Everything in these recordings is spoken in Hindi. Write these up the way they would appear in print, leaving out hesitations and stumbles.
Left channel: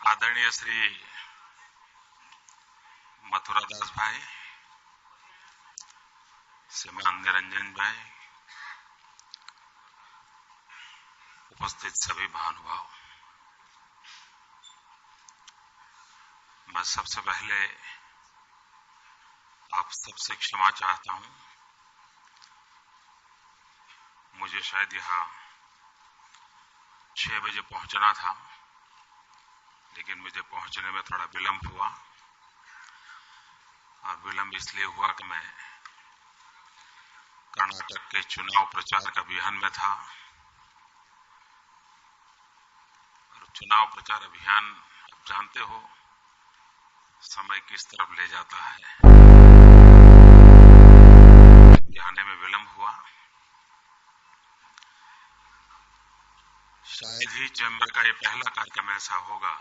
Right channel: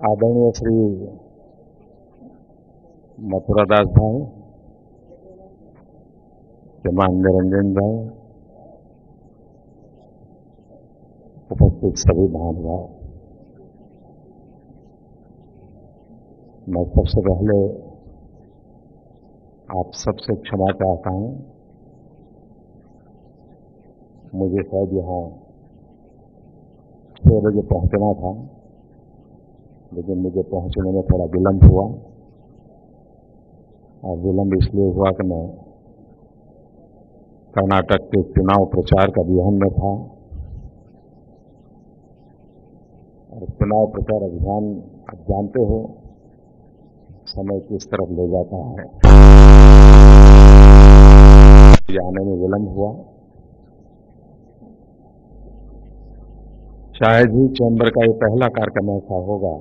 आदरणीय श्री मथुरादास भाई, श्रीमान निरंजन भाई, उपस्थित सभी महानुभाव, मैं सबसे पहले आप सबसे क्षमा चाहता हूं। मुझे शायद यहां 6 बजे पहुंचना था, लेकिन मुझे पहुंचने में थोड़ा विलंब हुआ, और विलंब इसलिए हुआ कि मैं कर्नाटक के चुनाव प्रचार का अभियान में था। और चुनाव प्रचार अभियान आप जानते हो समय किस तरफ ले जाता है। आने में विलंब हुआ। शायद ही चैम्बर का ये पहला कार्यक्रम ऐसा होगा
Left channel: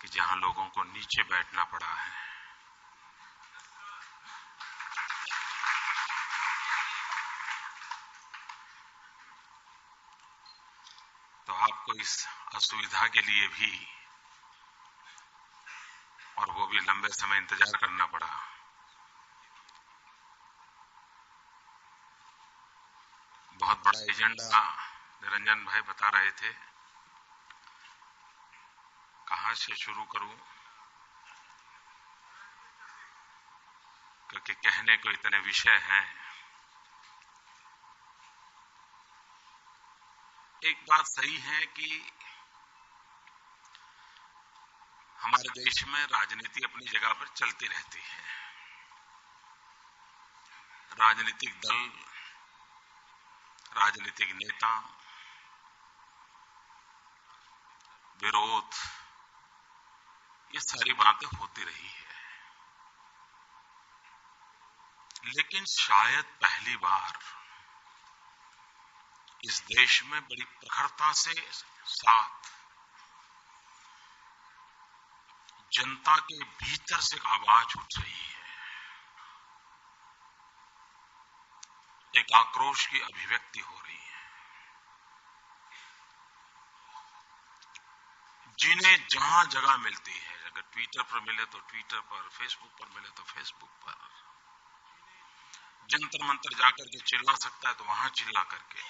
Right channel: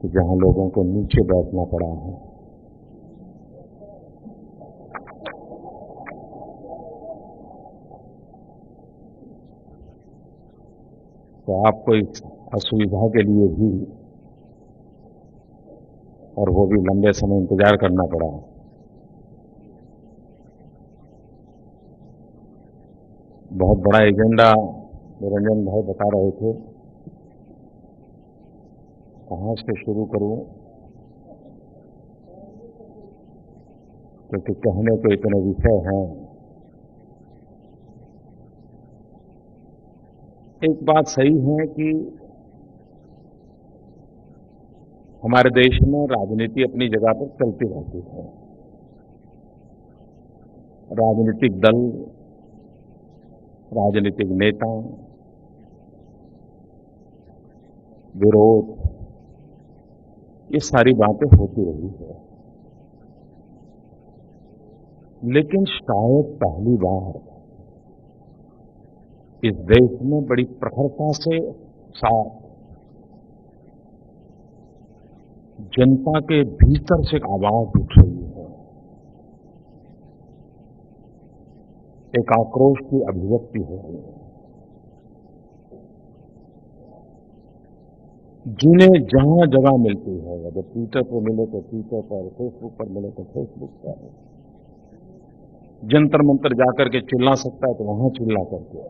कि जहां लोगों को नीचे बैठना पड़ा है। तो आपको इस असुविधा के लिए भी, और वो भी लंबे समय इंतजार करना पड़ा। बहुत बड़ा एजेंडा निरंजन भाई बता रहे थे, कहां से शुरू करूं, क्योंकि कहने को इतने विषय हैं। एक बात सही है कि हमारे देश में राजनीति अपनी जगह पर चलती रहती है। राजनीतिक दल, राजनीतिक नेता, विरोध, ये सारी बातें होती रही है। लेकिन शायद पहली बार इस देश में बड़ी प्रखरता से साथ जनता के भीतर से एक आवाज उठ रही है, एक आक्रोश की अभिव्यक्ति हो रही है। जिन्हें जहां जगह मिलती है, अगर ट्विटर पर मिले तो ट्विटर पर, फेसबुक पर मिले तो फेसबुक पर, जंतर मंतर जाकर के चिल्ला सकता है तो वहां चिल्ला करके,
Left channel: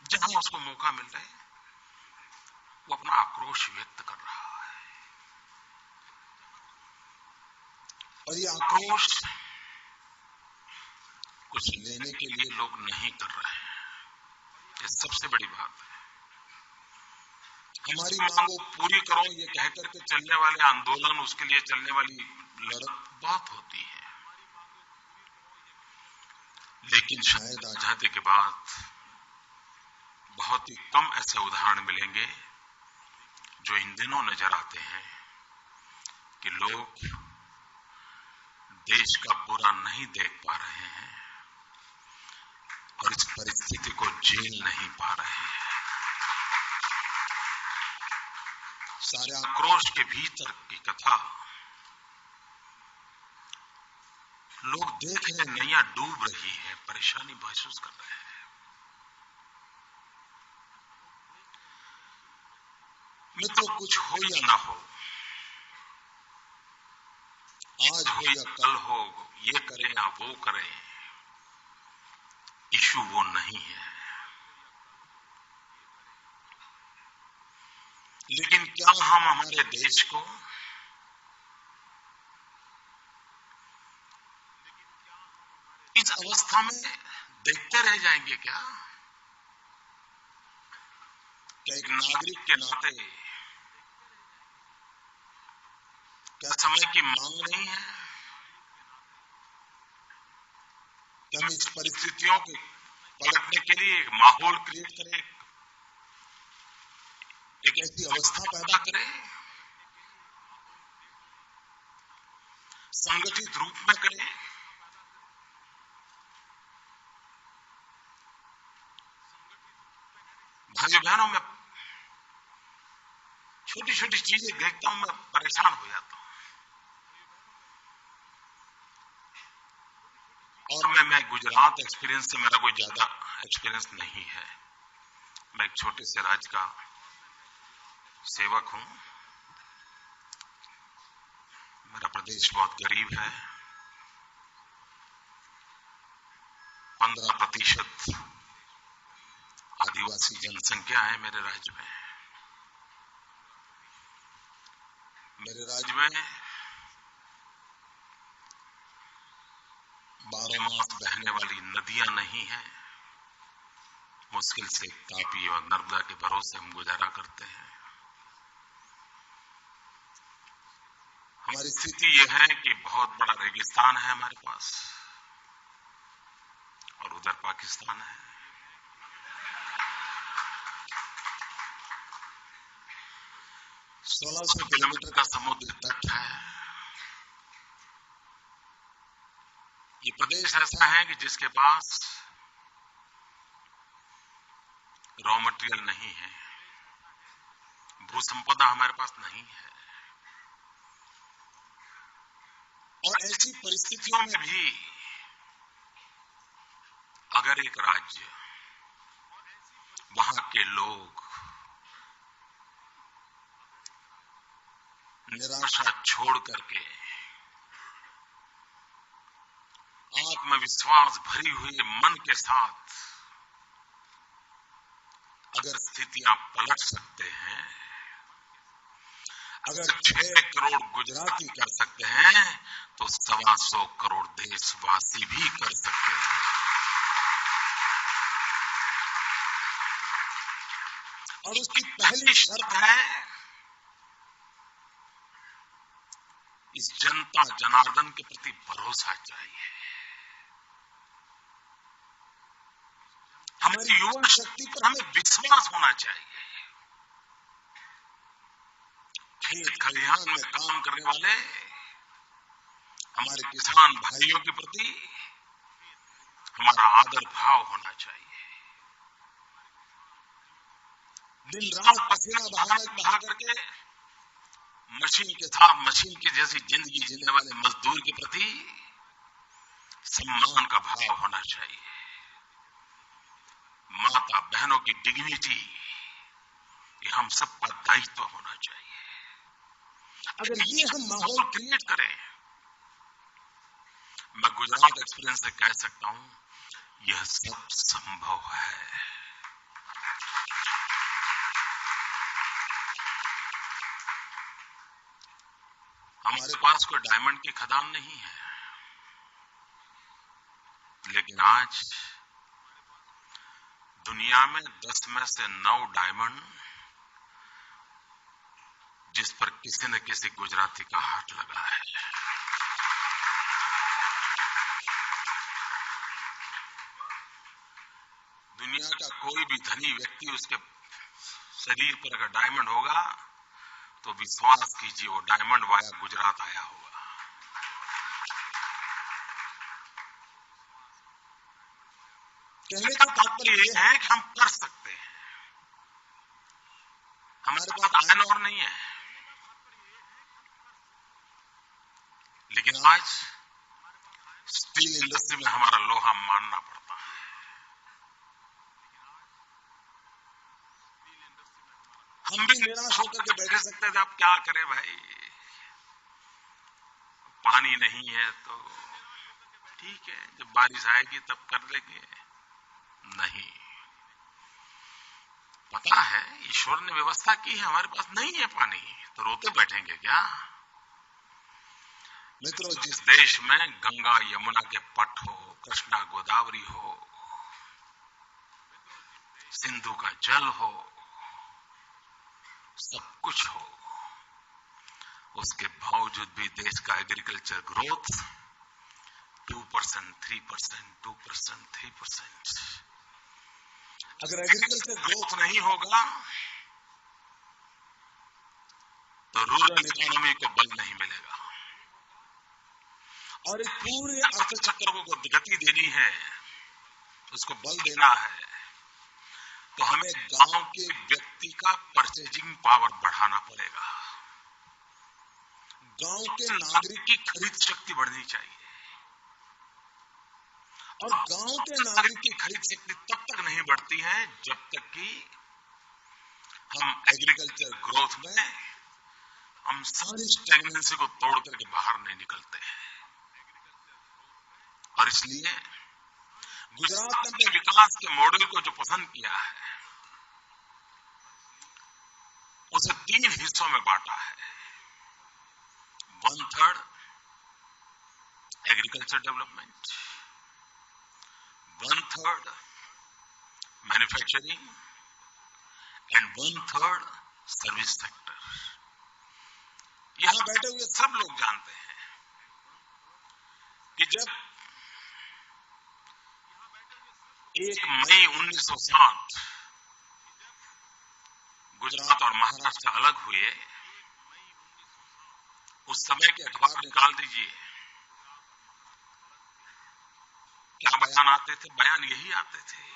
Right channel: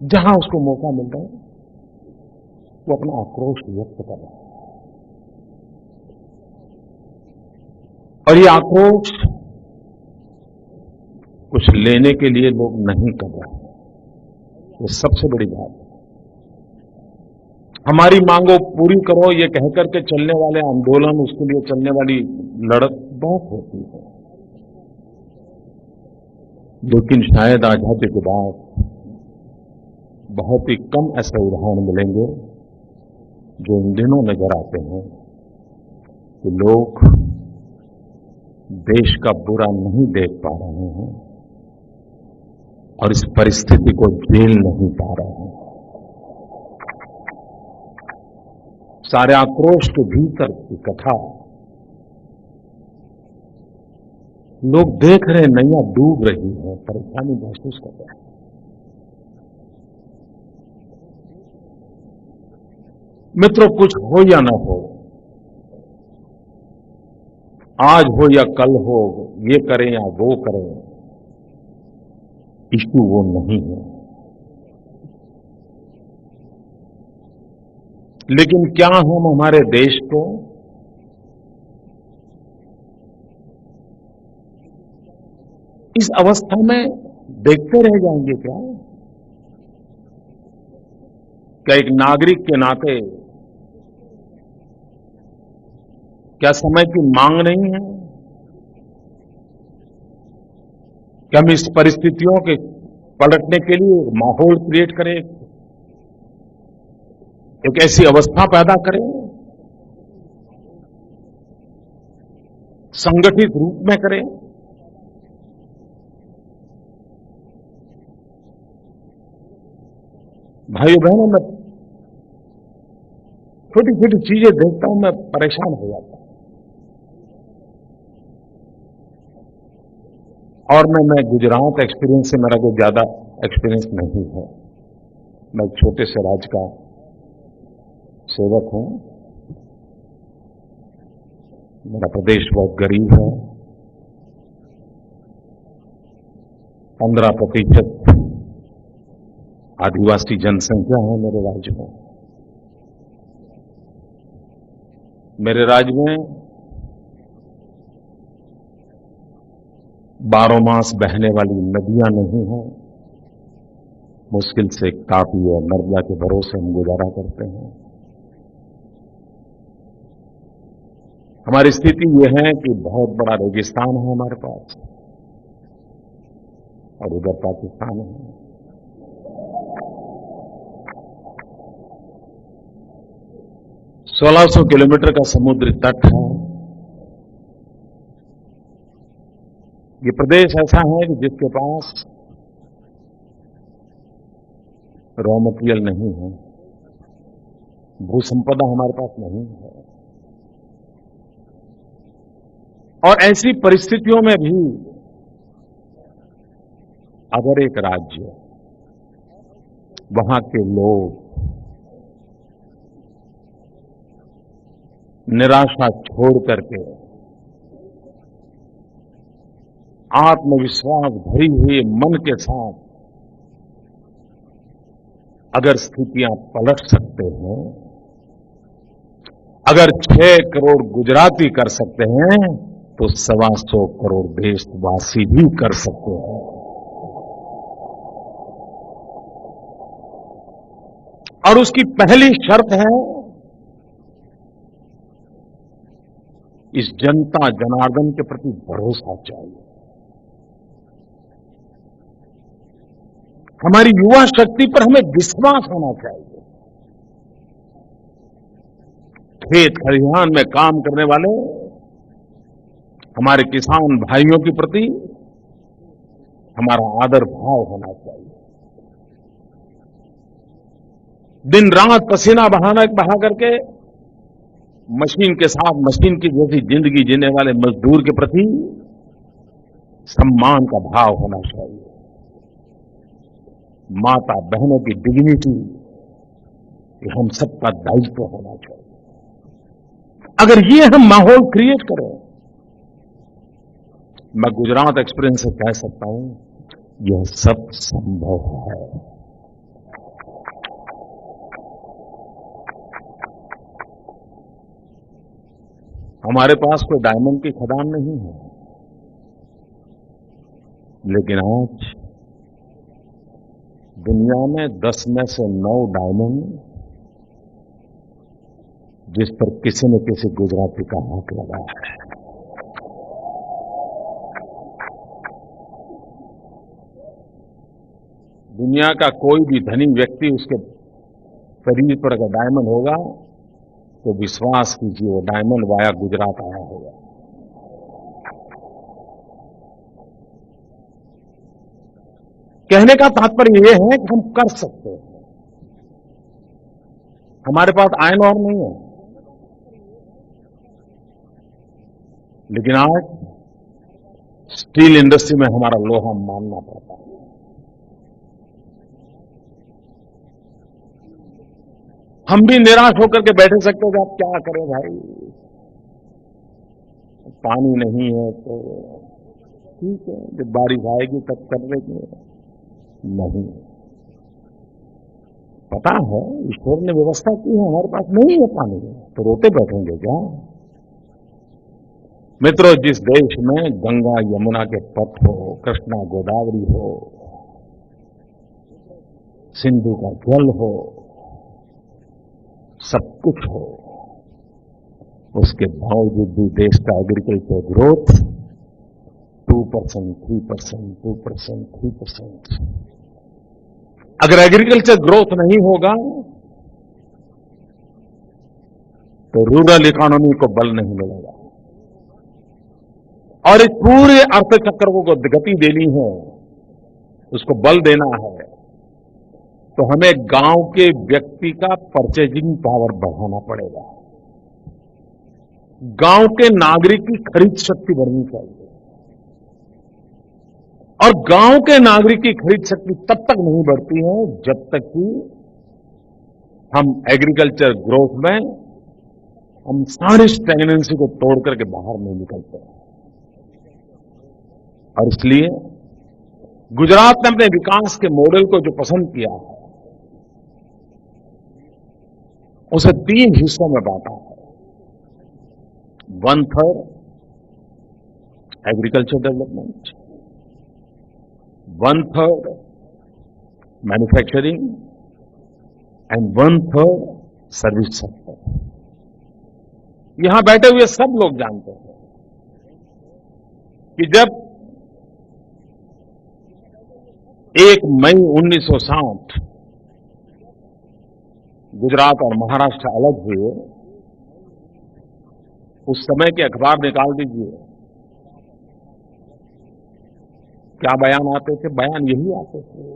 जहां उसको मौका मिल रहा है वो अपना आक्रोश व्यक्त कर रहा है। और ये आक्रोश कुछ लेने के लिए लोग नहीं कर रहे हैं। ये सबसे बड़ी बात है। हमारी मांगों पूरी करो ये कहकर के चलने वाले आंदोलन, उसके लिए चलने वाली लड़त बहुत होती है। लेकिन शायद आजादी के बाद बहुत ही कम ऐसे उदाहरण मिलेंगे जो इन दिनों नजर आते हैं कि लोग देश का बुरा नहीं देख पा रहे हैं और इस परिस्थिति को झेल नहीं पा रहे हैं। सारे आक्रोश के भीतर की कथा लोग देख रहे हैं, नैया डूब रही है, परेशानी महसूस कर रहे हैं। मित्रों, कुछ हो या ना हो, आज हो या कल हो, ये करें या वो करें, इश्यू वो नहीं है। लेकिन क्या हम हमारे देश को इस अवस्था में देखते रह जाएंगे क्या? क्या एक नागरिक के नाते क्या समय की मांग नहीं है? क्या हम इस परिस्थितियों के पलटने के लिए एक माहौल क्रिएट करें, एक ऐसी अवस्था पैदा करें, संगठित रूप में करें? भाइयों बहनों, मैं छोटी छोटी चीजें देखता हूं, मैं परेशान हो जाता हूं। और मैं गुजरात एक्सपीरियंस से, मेरा कोई ज्यादा एक्सपीरियंस नहीं है। मैं एक छोटे से राज्य का सेवक हूं। मेरा प्रदेश बहुत गरीब है। 15% आदिवासी जनसंख्या है मेरे राज्य में। मेरे राज्य में 12 मास बहने वाली नदियां नहीं हैं। मुश्किल से तापी और नर्मदा के भरोसे हम गुजारा करते हैं। हमारी स्थिति यह है कि बहुत बड़ा रेगिस्तान है हमारे पास और उधर पाकिस्तान है। सोलह 1600 किलोमीटर का समुद्री तट है। ये प्रदेश ऐसा है कि जिसके पास रॉ मटेरियल नहीं है, भूसंपदा हमारे पास नहीं है। और ऐसी परिस्थितियों में भी अगर एक राज्य, वहां के लोग निराशा छोड़ करके आत्मविश्वास भरी हुई मन के साथ अगर स्थितियां पलट सकते हैं, अगर 6 करोड़ गुजराती कर सकते हैं तो 125 करोड़ देशवासी भी कर सकते हैं। और उसकी पहली शर्त है इस जनता जनार्दन के प्रति भरोसा चाहिए। हमारी युवा शक्ति पर हमें विश्वास होना चाहिए। खेत खलिहान में काम करने वाले हमारे किसान भाइयों के प्रति हमारा आदर भाव होना चाहिए। दिन रात पसीना बहा करके मशीन के साथ मशीन की जैसी जिंदगी जीने वाले मजदूर के प्रति सम्मान का भाव होना चाहिए। माता बहनों की डिग्निटी, ये हम सबका दायित्व होना चाहिए। अगर ये हम माहौल क्रिएट करें, मैं गुजरात एक्सपीरियंस से कह सकता हूं यह सब संभव है। हमारे पास कोई डायमंड की खदान नहीं है, लेकिन आज दुनिया में 10 में से 9 डायमंड जिस पर किसी न किसी गुजराती का हाथ लगा है। दुनिया का कोई भी धनी व्यक्ति उसके शरीर पर अगर डायमंड होगा तो विश्वास कीजिए वो डायमंड वाया गुजरात आया होगा। कहने का तात्पर्य यह है कि हम कर सकते हैं। हमारे पास आयरन ओर नहीं है, लेकिन आज स्टील इंडस्ट्री में हमारा लोहा मानना पड़ता है। हम भी निराश होकर के बैठे सकते थे, अब क्या करें भाई, पानी नहीं है तो ठीक है, जब बारिश आएगी तब कर लेंगे। नहीं, पता है ईश्वर ने व्यवस्था की है, हमारे पास नहीं है पानी, तो रोते बैठेंगे क्या? मित्रों, जिस देश में गंगा यमुना के पट हो, कृष्णा गोदावरी हो, सिंधु का जल हो, सब कुछ हो, उसके बावजूद भी देश का एग्रीकल्चर ग्रोथ 2%, 3%, 2%, 3%। अगर एग्रीकल्चर ग्रोथ नहीं होगा तो रूरल इकोनॉमी को बल नहीं मिलेगा। और एक पूरे अर्थचक्र को गति देनी है, उसको बल देना है, तो हमें गांव के व्यक्ति का परचेजिंग पावर बढ़ाना पड़ेगा। गांव के नागरिक की खरीद शक्ति बढ़नी चाहिए। और गांव के नागरिक की खरीद शक्ति तब तक नहीं बढ़ती है जब तक कि हम एग्रीकल्चर ग्रोथ में हम सारी स्टैग्नेंसी को तोड़ करके बाहर नहीं निकलते हैं। और इसलिए गुजरात ने अपने विकास के मॉडल को जो पसंद किया है, उसे 3 हिस्सों में बांटा है। 1/3 agriculture development, 1/3 manufacturing and 1/3 service sector. यहां बैठे हुए सब लोग जानते हैं कि जब 1 मई 1960 गुजरात और महाराष्ट्र अलग हुए, उस समय के अखबार निकाल दीजिए, क्या बयान आते थे? बयान यही आते थे,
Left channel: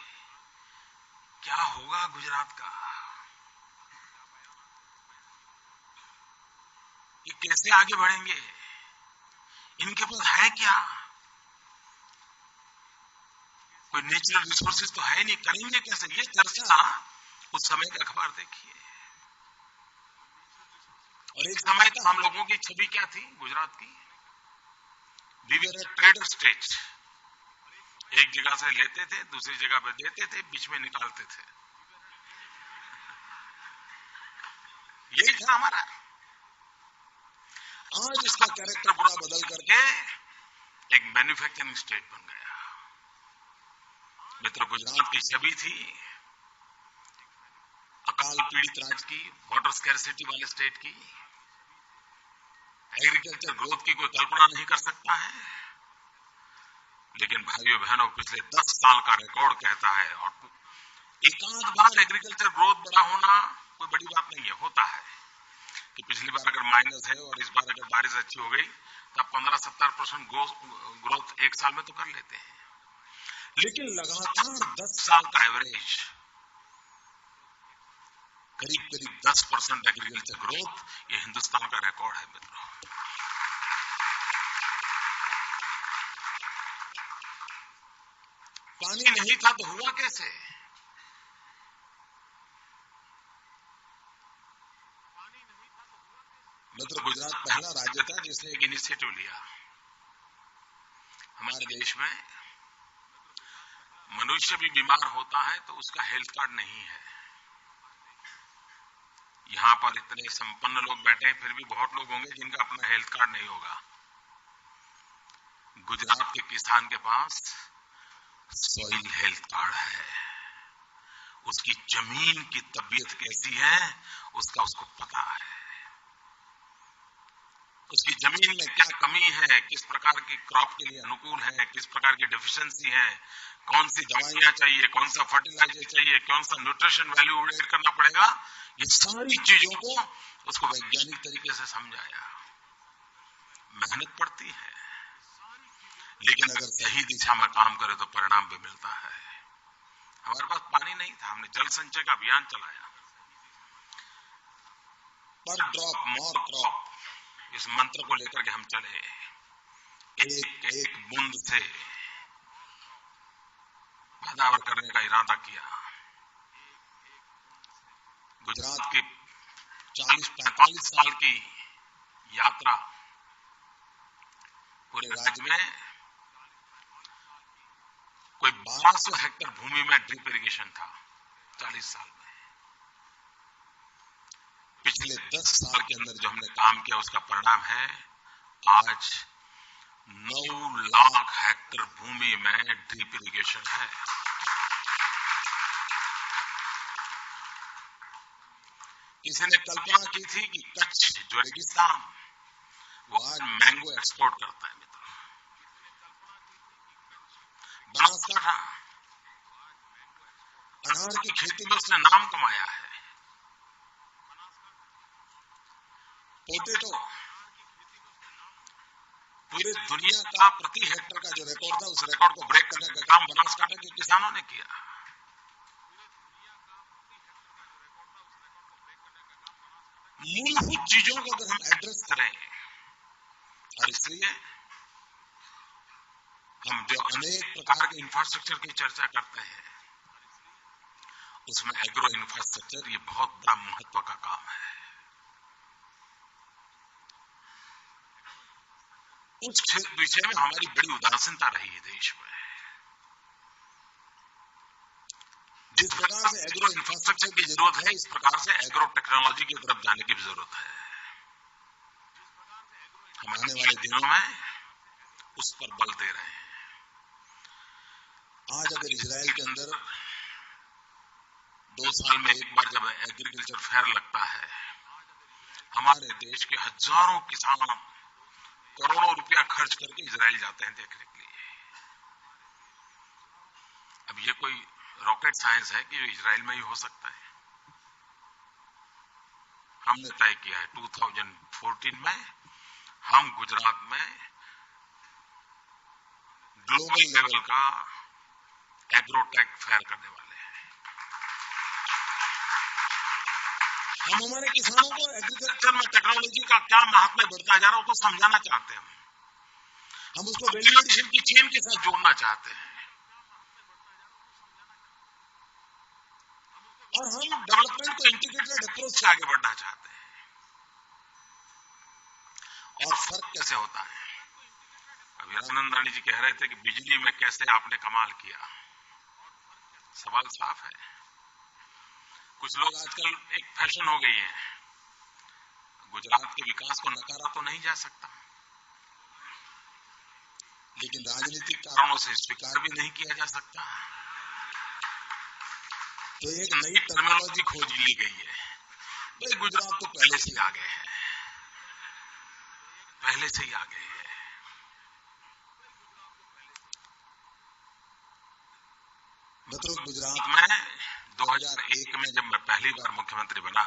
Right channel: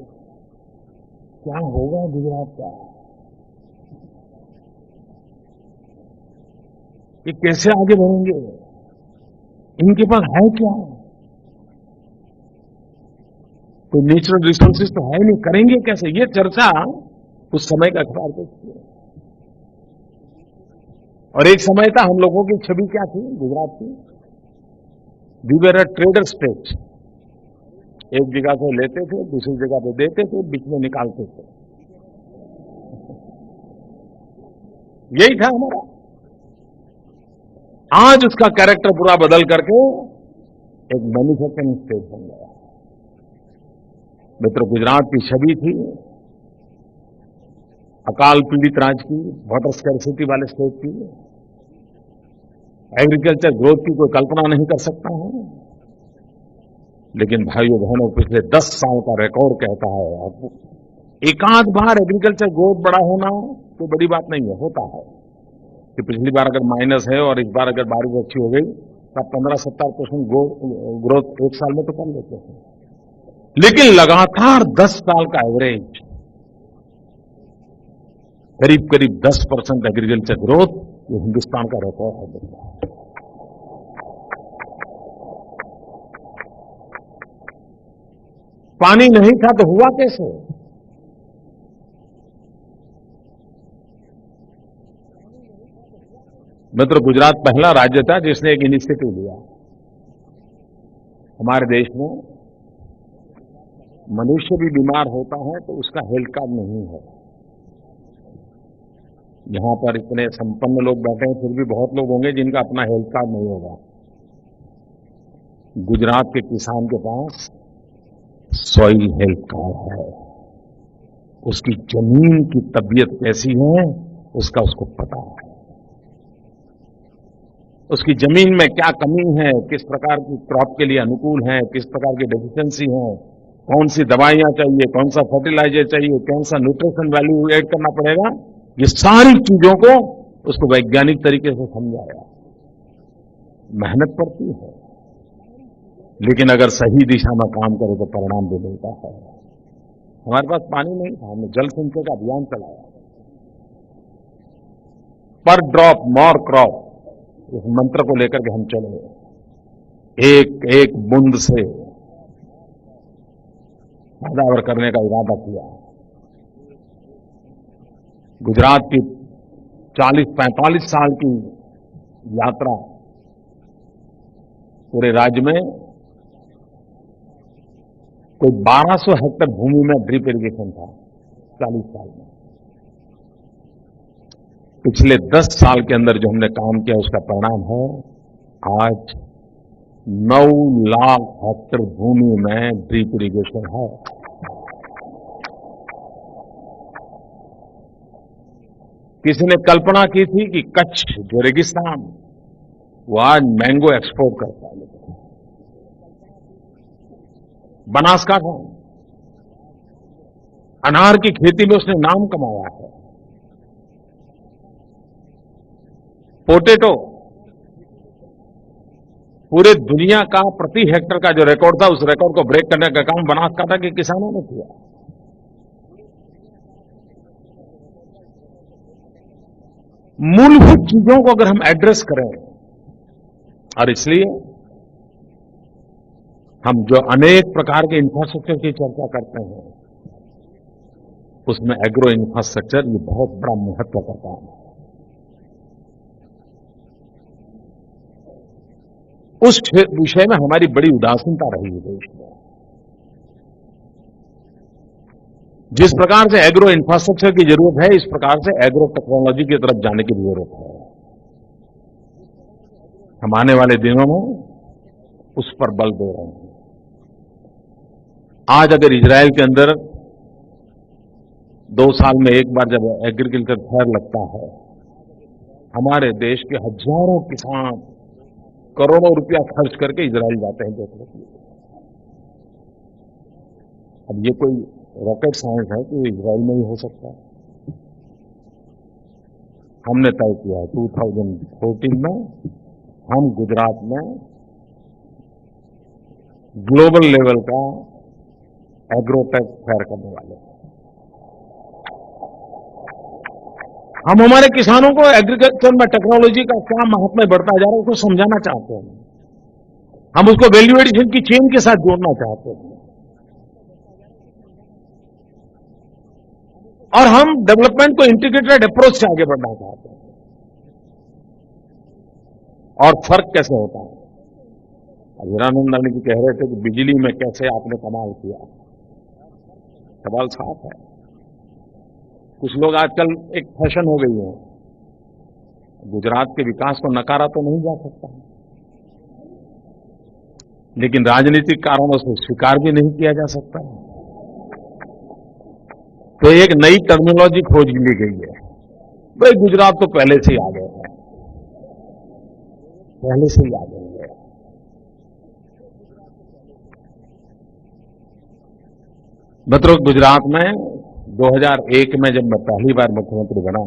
क्या होगा गुजरात का, ये कैसे आगे बढ़ेंगे, इनके पास है क्या, कोई नेचुरल रिसोर्सेज तो है नहीं, करेंगे कैसे? ये चर्चा उस समय का अखबार देखिए। और एक समय था, हम लोगों की छवि क्या थी गुजरात की? We were a trader state. एक जगह से लेते थे, दूसरी जगह पे देते थे, बीच में निकालते थे। यही था हमारा। आज उसका कैरेक्टर पूरा बदल करके एक मैन्युफैक्चरिंग स्टेट बन गया। मित्रों, गुजरात की छवि थी अकाल पीड़ित राज्य की, वाटर स्कैरसिटी वाले स्टेट की। एग्रीकल्चर ग्रोथ की कोई कल्पना नहीं कर सकता है, लेकिन भाइयों बहनों, पिछले 10 साल का रिकॉर्ड कहता है, और एकाध बार एग्रीकल्चर ग्रोथ बड़ा होना कोई बड़ी बात नहीं है, होता है कि पिछली बार अगर माइनस है और इस बार अगर बारिश अच्छी हो गई तो आप 15-17% ग्रोथ एक साल में तो कर लेते हैं। लेकिन लगातार 10 साल का एवरेज करीब करीब 10% एग्रीकल्चर ग्रोथ, ये हिंदुस्तान का रिकॉर्ड है मित्रों। पानी नहीं था तो हुआ कैसे? मित्रों, गुजरात पहला राज्य था जिसने एक इनिशिएटिव लिया। हमारे देश में मनुष्य भी बीमार होता है तो उसका हेल्थ कार्ड नहीं है। यहां पर इतने संपन्न लोग बैठे हैं, फिर भी बहुत लोग होंगे जिनका अपना हेल्थ कार्ड नहीं होगा। गुजरात के किसान के पास सॉइल हेल्थ कार्ड है। उसकी जमीन की तबीयत कैसी है उसको पता है। उसकी जमीन में क्या कमी है, किस प्रकार की क्रॉप के लिए अनुकूल है, किस प्रकार की डेफिशिएंसी है, कौन सी दवाइयां चाहिए, कौन सा फर्टिलाइजर चाहिए, कौन सा न्यूट्रिशन वैल्यू ऐड करना पड़ेगा, ये सारी चीजों को उसको वैज्ञानिक तरीके से समझाया। मेहनत पड़ती है, लेकिन अगर सही दिशा में काम करे तो परिणाम भी मिलता है। हमारे पास पानी नहीं था, हमने जल संचय का अभियान चलाया। पर ड्रॉप मोर क्रॉप, इस मंत्र को लेकर के हम चले। एक एक बूंद से पैदावार करने का इरादा किया। गुजरात की 40-45 साल की यात्रा, पूरे राज्य में कोई 1200 हेक्टेयर भूमि में ड्रिप इरिगेशन था 40 साल में। पिछले 10 साल के अंदर जो हमने काम किया उसका परिणाम है आज 9 लाख हेक्टेयर भूमि में ड्रिप इरिगेशन है। किसी ने कल्पना की थी कि कच्छ जो रेगिस्तान, वो आज मैंगो एक्सपोर्ट करता है मित्रों। बनासकांठा अनार की खेती में उसने नाम कमाया है। पोटैटो, पूरे दुनिया का प्रति हेक्टेयर का जो रिकॉर्ड था, उस रिकॉर्ड को ब्रेक करने का काम बनासकांठा के किसानों ने किया। मूलभूत चीजों को अगर हम एड्रेस करें, और इसलिए हम जो अनेक प्रकार के इंफ्रास्ट्रक्चर की चर्चा करते हैं, उसमें एग्रो इंफ्रास्ट्रक्चर ये बहुत बड़ा महत्व का काम है। उस विषय में हमारी बड़ी उदासीनता रही है देश में। जिस प्रकार से एग्रो इंफ्रास्ट्रक्चर की जरूरत है, इस प्रकार से एग्रो टेक्नोलॉजी की तरफ जाने की भी जरूरत है। हम आने वाले दिनों में उस पर बल दे रहे हैं। आज अगर इजरायल के अंदर 2 साल में एक बार जब एग्रीकल्चर फेयर लगता है, हमारे देश के हजारों किसान करोड़ों रुपया खर्च करके इजरायल जाते हैं देखने के लिए। अब ये कोई रॉकेट साइंस है कि इजरायल में ही हो सकता है? हमने तय किया है 2014 में हम गुजरात में ग्लोबल लेवल का एग्रोटेक फेयर करने वाले हैं। हम हमारे किसानों को एग्रीकल्चर में टेक्नोलॉजी का क्या महात्म्य बढ़ता जा रहा है उसको समझाना चाहते हैं। हम उसको वैल्यू एडिशन की चेन के साथ जोड़ना चाहते हैं। और हम डेवलपमेंट को इंटीग्रेटेड अप्रोच से आगे बढ़ना चाहते हैं। और फर्क कैसे होता है? अब हीरानंद रानी जी कह रहे थे कि बिजली में कैसे आपने कमाल किया। सवाल साफ है। कुछ लोग आजकल एक फैशन हो गई है, गुजरात के विकास को नकारा तो नहीं जा सकता, लेकिन राजनीतिक कारणों से स्वीकार भी नहीं किया जा सकता। तो एक नई टर्मिनोलॉजी खोज ली गई है, भाई गुजरात तो पहले से ही आगे है, पहले से ही आगे है। मतलब गुजरात में 2001 में जब मैं पहली बार मुख्यमंत्री बना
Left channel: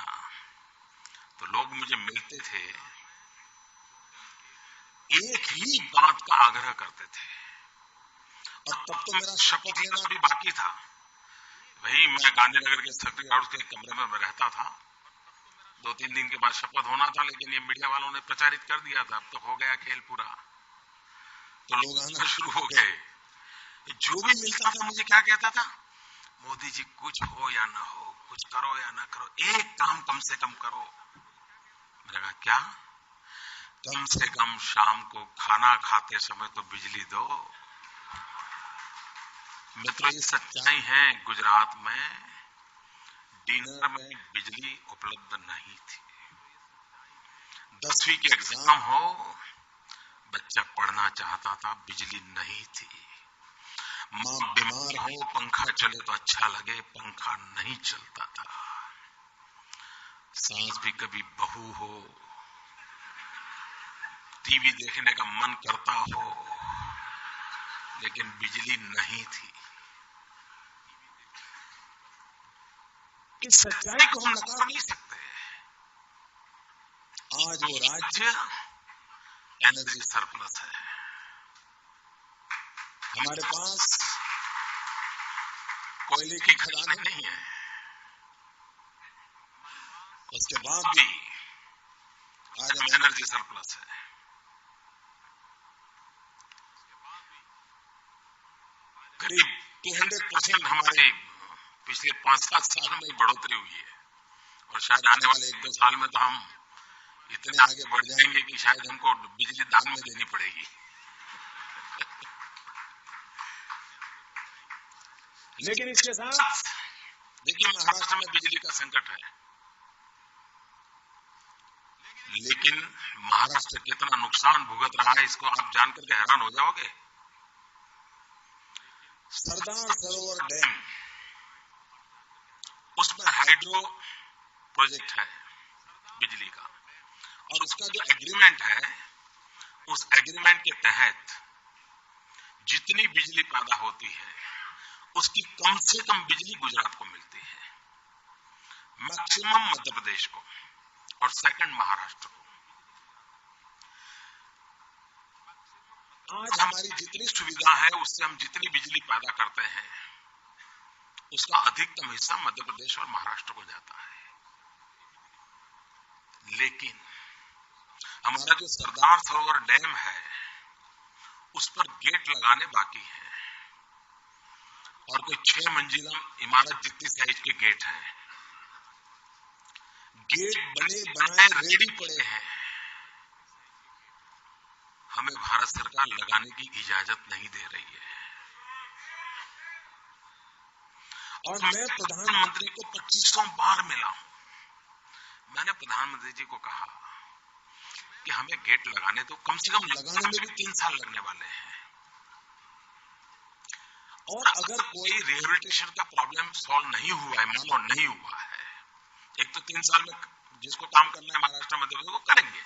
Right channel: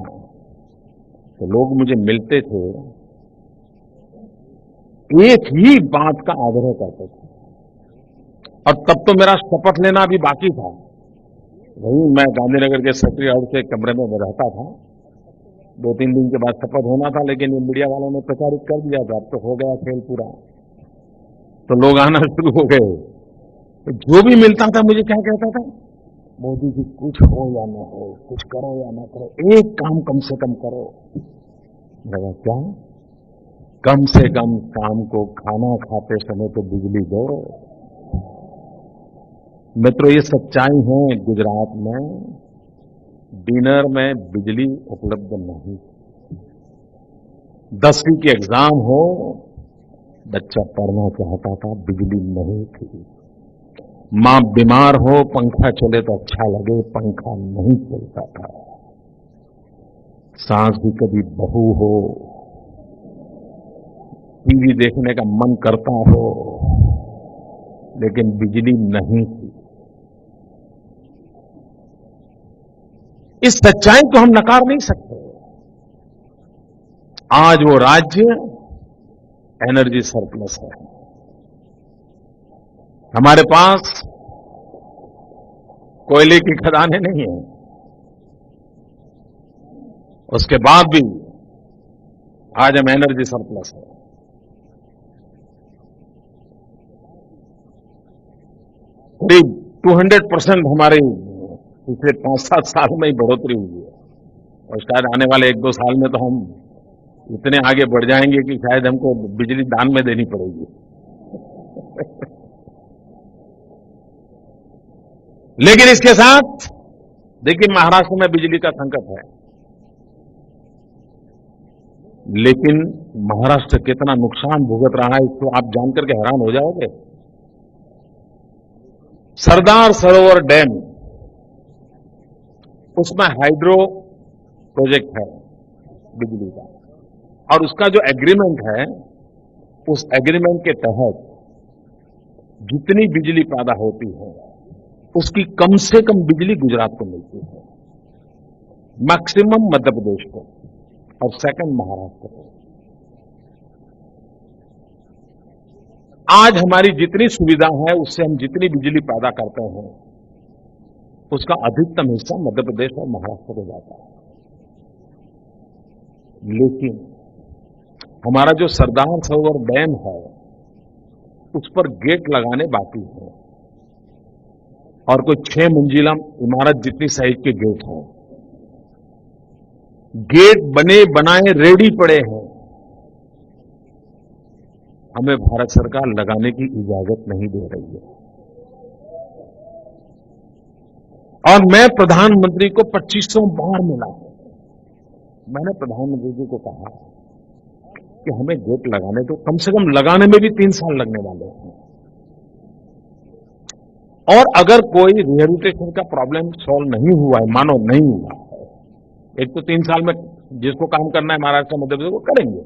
तो लोग मुझे मिलते थे, एक ही बात का आग्रह करते थे। और तब तो मेरा शपथ लेना भी बाकी था। वही मैं गांधीनगर के सेक्रेटरी हाउस के कमरे में रहता था। 2-3 दिन के बाद शपथ होना था, लेकिन ये मीडिया वालों ने प्रचारित कर दिया था, अब तो हो गया खेल पूरा। तो लोग आना शुरू हो गए। जो भी मिलता था मुझे क्या कहता था, मोदी जी कुछ हो या ना हो, कुछ करो या ना करो, एक काम कम से कम करो। मैंने कहा क्या? कम से कम शाम को खाना खाते समय तो बिजली दो। मित्रों, ये सच्चाई है। गुजरात में डिनर में बिजली उपलब्ध नहीं थी। 10वीं की एग्जाम हो, बच्चा पढ़ना चाहता था, बिजली नहीं थी। मां बीमार हो, पंखा चले तो अच्छा लगे, पंखा नहीं चलता था। सास भी कभी बहू हो, टीवी देखने का मन करता हो, लेकिन बिजली नहीं थी। इस सच्चाई को हम नकार नहीं सकते। आज वो राज्य एनर्जी सरप्लस है। हमारे पास कोयले की खदानें नहीं है, उसके बाद भी आज हम एनर्जी सरप्लस है। करीब 200% हमारी पिछले 5-7 साल में ही बढ़ोतरी हुई है। और शायद आने वाले 1-2 साल में तो हम इतने आगे बढ़ जाएंगे कि शायद हमको बिजली दान में देनी पड़ेगी। लेकिन इसके साथ देखिए, महाराष्ट्र में बिजली का संकट है, लेकिन महाराष्ट्र कितना नुकसान भुगत रहा है इसको आप जानकर के हैरान हो जाओगे। सरदार सरोवर डैम, उसमें हाइड्रो प्रोजेक्ट है बिजली का, और उसका जो एग्रीमेंट है, उस एग्रीमेंट के तहत जितनी बिजली पैदा होती है उसकी कम से कम बिजली गुजरात को मिलती है, मैक्सिमम मध्य प्रदेश को, और सेकंड महाराष्ट्र को। आज हमारी जितनी सुविधा है उससे हम जितनी बिजली पैदा करते हैं उसका अधिकतम हिस्सा मध्य प्रदेश और महाराष्ट्र को जाता है। लेकिन हमारा जो सरदार सरोवर डैम है उस पर गेट लगाने बाकी हैं, और कोई 6 मंजिला इमारत जितनी साइज के गेट हैं। गेट बने बनाए रेडी पड़े हैं। हमें भारत सरकार लगाने की इजाजत नहीं दे रही है। और मैं प्रधानमंत्री को 2500 बार मिला हूं। मैंने प्रधानमंत्री जी को कहा कि हमें गेट लगाने दो, कम से कम लगाने में भी 3 साल लगने वाले हैं। और अगर कोई रिहेबिलिटेशन का प्रॉब्लम सॉल्व नहीं हुआ है, मानो नहीं हुआ है, एक तो 3 साल में जिसको काम करना है महाराष्ट्र मध्य प्रदेश को करेंगे,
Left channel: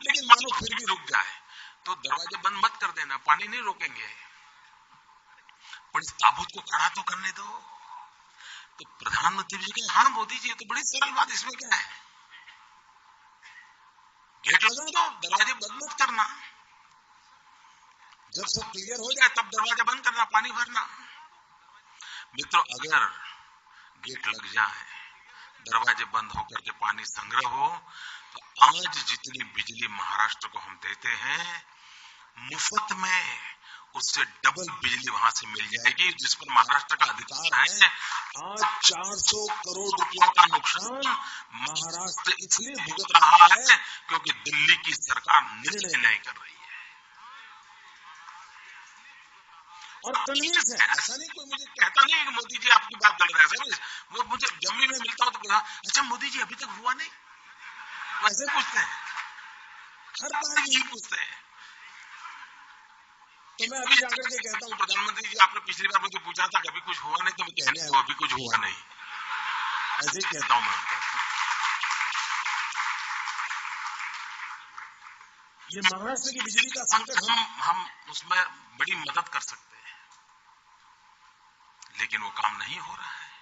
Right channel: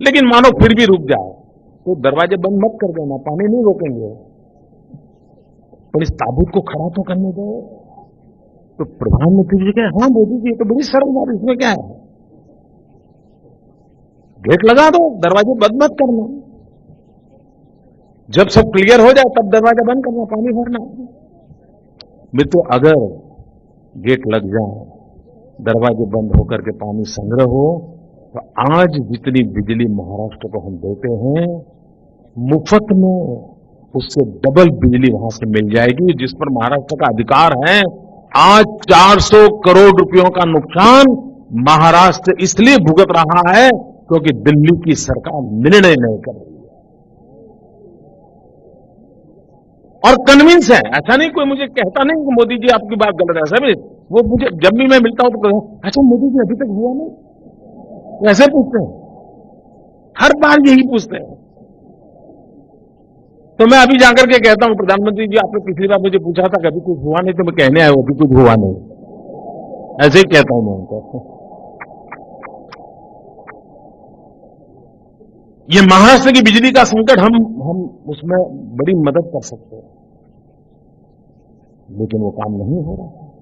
लेकिन मानो फिर भी रुक जाए तो दरवाजे बंद मत कर देना, पानी नहीं रोकेंगे, पर इस ताबूत को खड़ा तो करने दो। तो प्रधानमंत्री जी कहे, हां मोदी जी, ये तो बड़ी सरल बात, इसमें क्या है, गेट लगा दो, दरवाजे बंद मत करना, जब सब क्लियर हो जाए तब दरवाजा बंद करना, पानी भरना। मित्रों, अगर गेट लग जाए, दरवाजे बंद होकर के पानी संग्रह हो, तो आज जितनी बिजली महाराष्ट्र को हम देते हैं, मुफ्त में उससे डबल बिजली वहां से मिल जाएगी, जिस पर महाराष्ट्र का अधिकार है। आज 400 करोड़ रुपयों का नुकसान महाराष्ट्र इसलिए भुगत रहा है क्योंकि दिल्ली की सरकार निर्णय नहीं कर रही है। और कन्विंस है, ऐसा नहीं कोई मुझे कहता नहीं कि मोदी जी आपकी बात गलत है, ऐसा भी नहीं। वो मुझे जब भी मैं मिलता हूं तो अच्छा मोदी जी अभी तक हुआ नहीं, वो ऐसे पूछते हैं, हर बार यही पूछते हैं। तो मैं अभी जाकर के कहता हूं, प्रधानमंत्री जी आपने पिछली बार मुझे पूछा था कभी कुछ हुआ नहीं, तो मैं कहने आया हूं अभी कुछ हुआ नहीं, ऐसे ही कहता हूं मैं उनको। ये महाराष्ट्र की बिजली का संकट हम उसमें बड़ी मदद कर सकते हैं, लेकिन वो काम नहीं हो रहा है।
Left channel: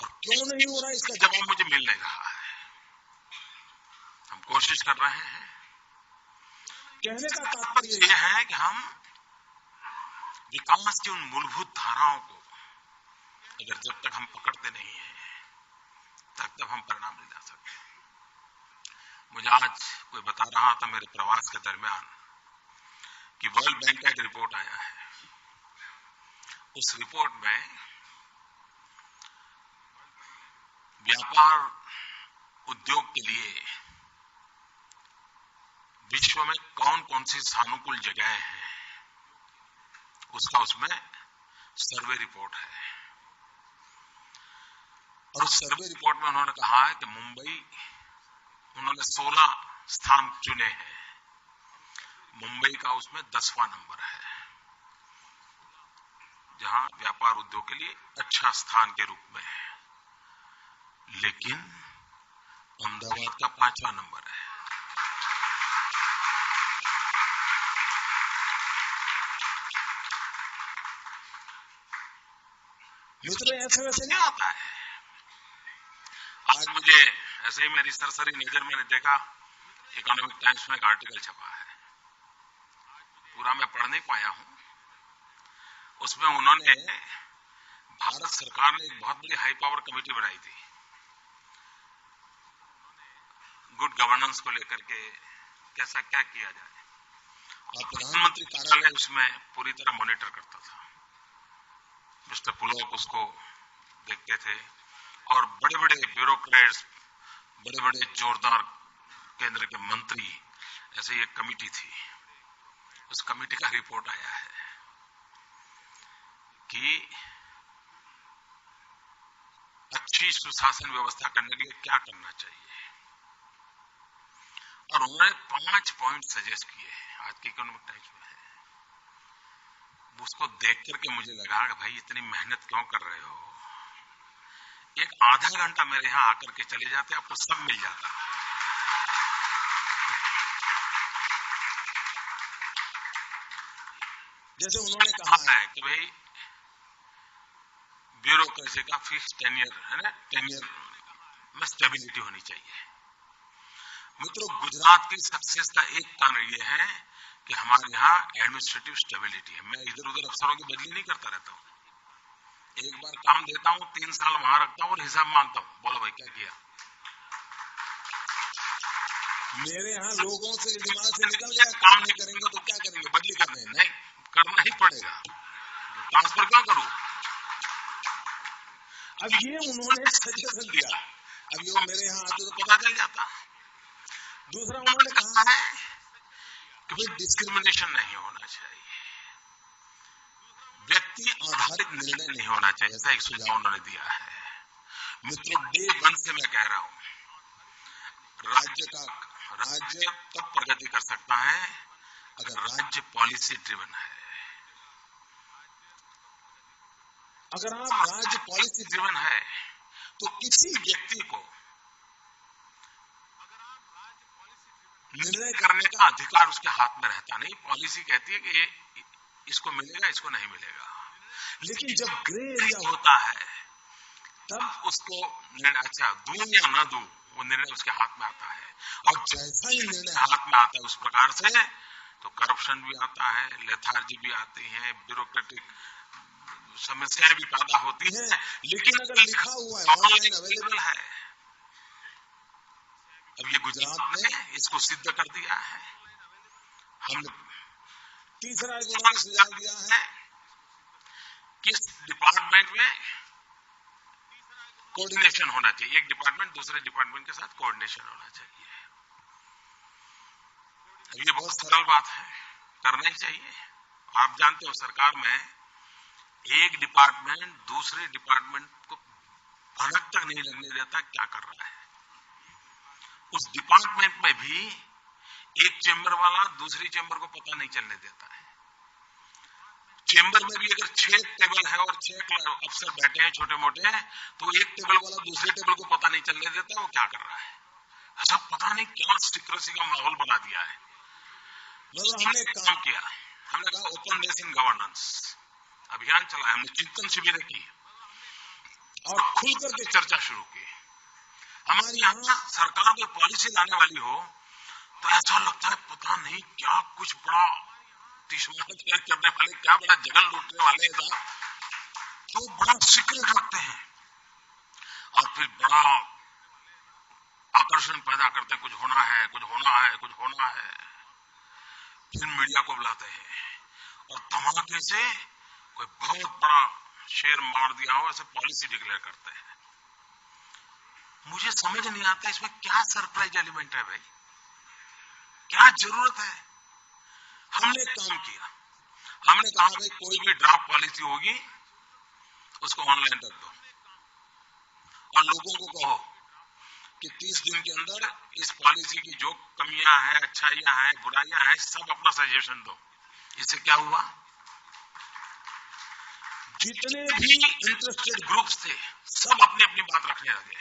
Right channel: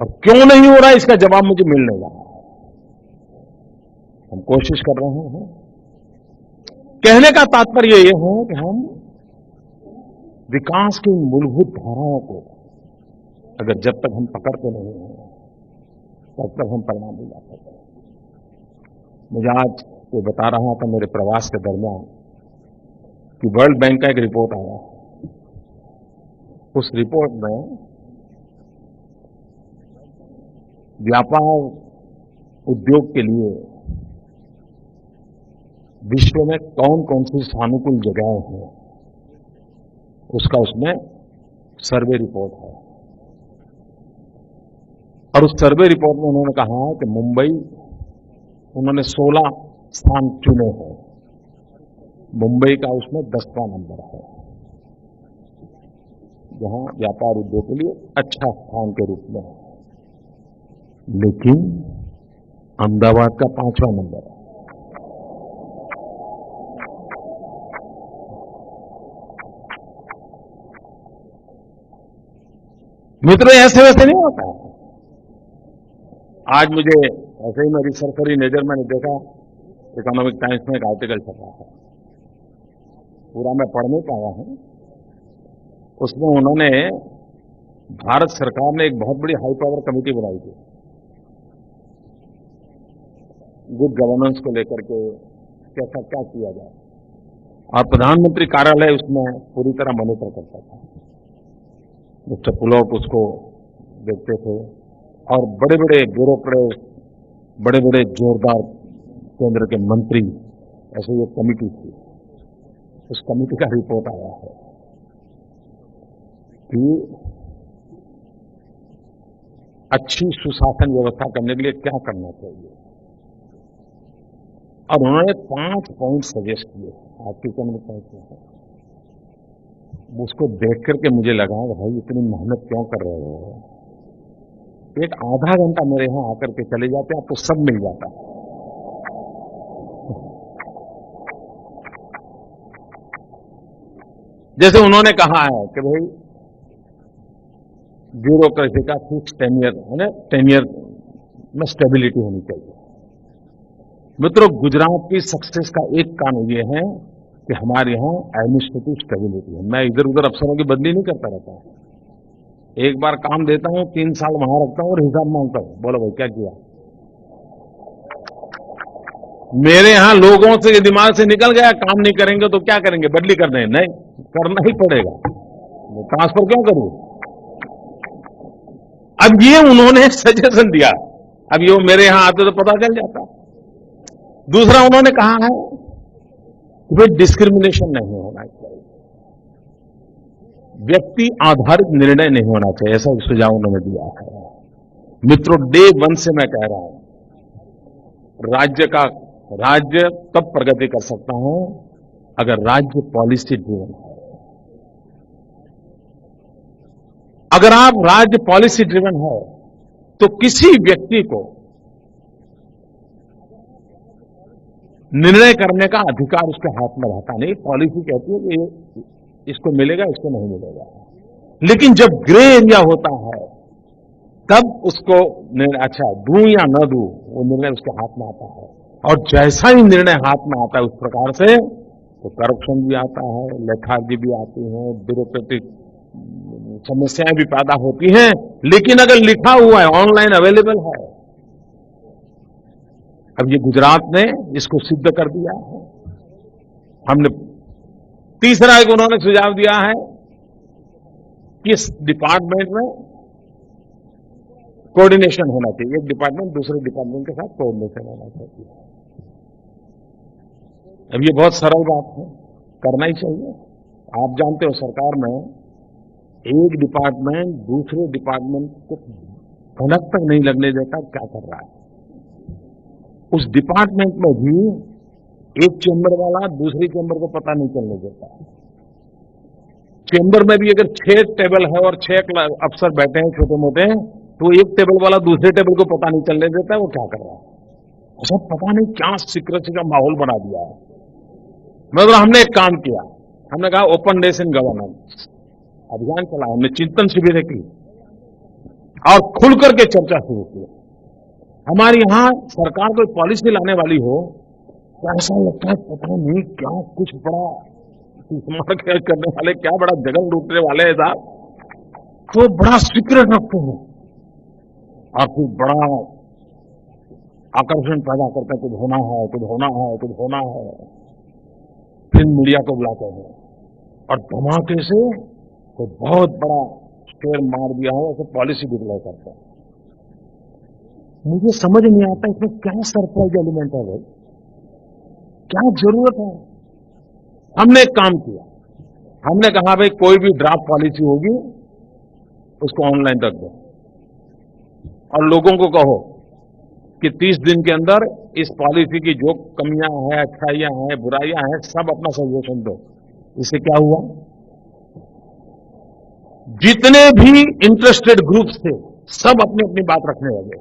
और क्यों नहीं हो रहा है, इसका जवाब मुझे मिल नहीं रहा है। हम कोशिश कर रहे हैं। कहने का तात्पर्य यह है कि हम विकास की उन मूलभूत धाराओं को अगर जब तक हम पकड़ते नहीं हैं, तब हम परिणाम नहीं ला सकते। मुझे आज कोई बता रहा था मेरे प्रवास के दरमियान कि वर्ल्ड बैंक का एक रिपोर्ट आया है। उस रिपोर्ट में व्यापार उद्योग के लिए विश्व में कौन कौन सी सानुकूल जगहें हैं, उसका उसमें सर्वे रिपोर्ट है। और उस सर्वे रिपोर्ट में उन्होंने कहा है कि मुंबई, उन्होंने 16 स्थान चुने हैं, मुंबई का उसमें 10वां नंबर है, जहां व्यापार उद्योग के लिए अच्छा स्थान के रूप में है। लेकिन अहमदाबाद का 5वां नंबर है। मित्रों, ऐसे वैसे नहीं होता है। आज मुझे ऐसे ही मेरी सरसरी नजर मैंने देखा, इकोनॉमिक टाइम्स में एक आर्टिकल छपा है, पूरा मैं पढ़ नहीं पाया हूं। उसमें उन्होंने, भारत सरकार ने एक बहुत बड़ी हाई पावर कमेटी बनाई थी गुड गवर्नेंस को लेकर के, कैसा क्या किया जाए, और प्रधानमंत्री कार्यालय उसमें पूरी तरह मॉनिटर करता था। मिस्टर पुलोक उसको देखते थे, और बड़े बड़े ब्यूरोक्रेट्स, बड़े बड़े जोरदार केंद्र के मंत्री, ऐसे ही एक कमेटी थी। उस कमेटी का रिपोर्ट आया है कि अच्छी सुशासन व्यवस्था करने के लिए क्या करना चाहिए, और उन्होंने 5 पॉइंट सजेस्ट किए हैं, आज की इकोनॉमिक टाइम्स में है। उसको देख करके मुझे लगा कि भाई इतनी मेहनत क्यों कर रहे हो, एक आधा घंटा मेरे यहां आकर के चले जाते, आपको सब मिल जाता। जैसे उन्होंने कहा है कि भाई ब्यूरोक्रेसी का फिक्स टेन्योर है ना, टेन्योर में स्टेबिलिटी होनी चाहिए। मित्रों, गुजरात की सक्सेस का एक कारण यह है कि हमारे यहां एडमिनिस्ट्रेटिव स्टेबिलिटी है। मैं इधर उधर अफसरों की बदली नहीं करता रहता हूं, एक बार काम देता हूं, 3 साल वहां रखता हूं और हिसाब मांगता हूं, बोलो भाई क्या किया। मेरे यहां लोगों से दिमाग से निकल गया, काम नहीं करेंगे तो क्या करेंगे, बदली कर दें, नहीं, करना ही पड़ेगा। ट्रांसफर क्यों करूं? अब ये उन्होंने सजेशन दिया, अब ये मेरे यहां आते तो पता चल जाता। दूसरा उन्होंने कहा है कि भाई डिस्क्रिमिनेशन नहीं होना चाहिए, व्यक्ति आधारित निर्णय नहीं होना चाहिए, ऐसा एक सुझाव उन्होंने दिया है। मित्रों, डे वन से मैं कह रहा हूं, राज्य तब प्रगति कर सकता है अगर राज्य पॉलिसी ड्रिवन है। अगर आप राज्य पॉलिसी ड्रिवन है तो किसी व्यक्ति को निर्णय करने का अधिकार उसके हाथ में रहता नहीं। पॉलिसी कहती है कि ये इसको मिलेगा, इसको नहीं मिलेगा, लेकिन जब ग्रे एरिया होता है तब उसको निर्णय, अच्छा दूं या न दूं, वो निर्णय उसके हाथ में आता है। और जैसा ही निर्णय हाथ में आता है उस प्रकार से तो करप्शन भी आता है, लेथार्जी भी आती है, ब्यूरोक्रेटिक समस्याएं भी पैदा होती हैं। लेकिन अगर लिखा हुआ है, ऑनलाइन अवेलेबल है, अब ये गुजरात ने इसको सिद्ध कर दिया है। हमने तीसरा एक उन्होंने सुझाव दिया है कि इस डिपार्टमेंट में कोऑर्डिनेशन होना चाहिए, एक डिपार्टमेंट दूसरे डिपार्टमेंट के साथ कोऑर्डिनेशन होना चाहिए। अब ये बहुत सरल बात है, करना ही चाहिए। आप जानते हो सरकार में एक डिपार्टमेंट दूसरे डिपार्टमेंट को भनक तक नहीं लगने देता क्या कर रहा है। उस डिपार्टमेंट में भी एक चेंबर वाला दूसरी चेंबर को पता नहीं चलने देता है। चेंबर में भी अगर 6 टेबल है और 6 अफसर बैठे हैं छोटे मोटे, तो एक टेबल वाला दूसरे टेबल को पता नहीं चलने देता है वो क्या कर रहा है। ऐसा पता नहीं क्या सीक्रेसी का माहौल बना दिया है। मगर हमने एक काम किया, हमने कहा ओपननेस इन गवर्नेंस अभियान चलाया, हमने चिंतन शिविर की और खुलकर के चर्चा शुरू की। हमारे यहां सरकार कोई पॉलिसी लाने वाली हो तो ऐसा लगता है पता नहीं क्या कुछ बड़ा तीसमार करने वाले, क्या बड़ा जगन लूटने वाले हैं साहब, तो बड़ा सीक्रेट रखते हैं और फिर बड़ा आकर्षण पैदा करते हैं, कुछ होना है, कुछ होना है, कुछ होना है। फिर मीडिया को बुलाते हैं और धमाके से कोई बहुत बड़ा शेर मार दिया हो ऐसे पॉलिसी डिक्लेयर करते हैं। मुझे समझ नहीं आता इसमें क्या सरप्राइज एलिमेंट है भाई, क्या जरूरत है। हमने एक काम किया, हमने कहा भाई कोई भी ड्राफ्ट पॉलिसी होगी उसको ऑनलाइन रख दो और लोगों को कहो कि 30 दिन के अंदर इस पॉलिसी की जो कमियां हैं, अच्छाइयां हैं, बुराइयां हैं, सब अपना सजेशन दो। इससे क्या हुआ, जितने भी इंटरेस्टेड ग्रुप्स थे सब अपनी अपनी बात रखने लगे।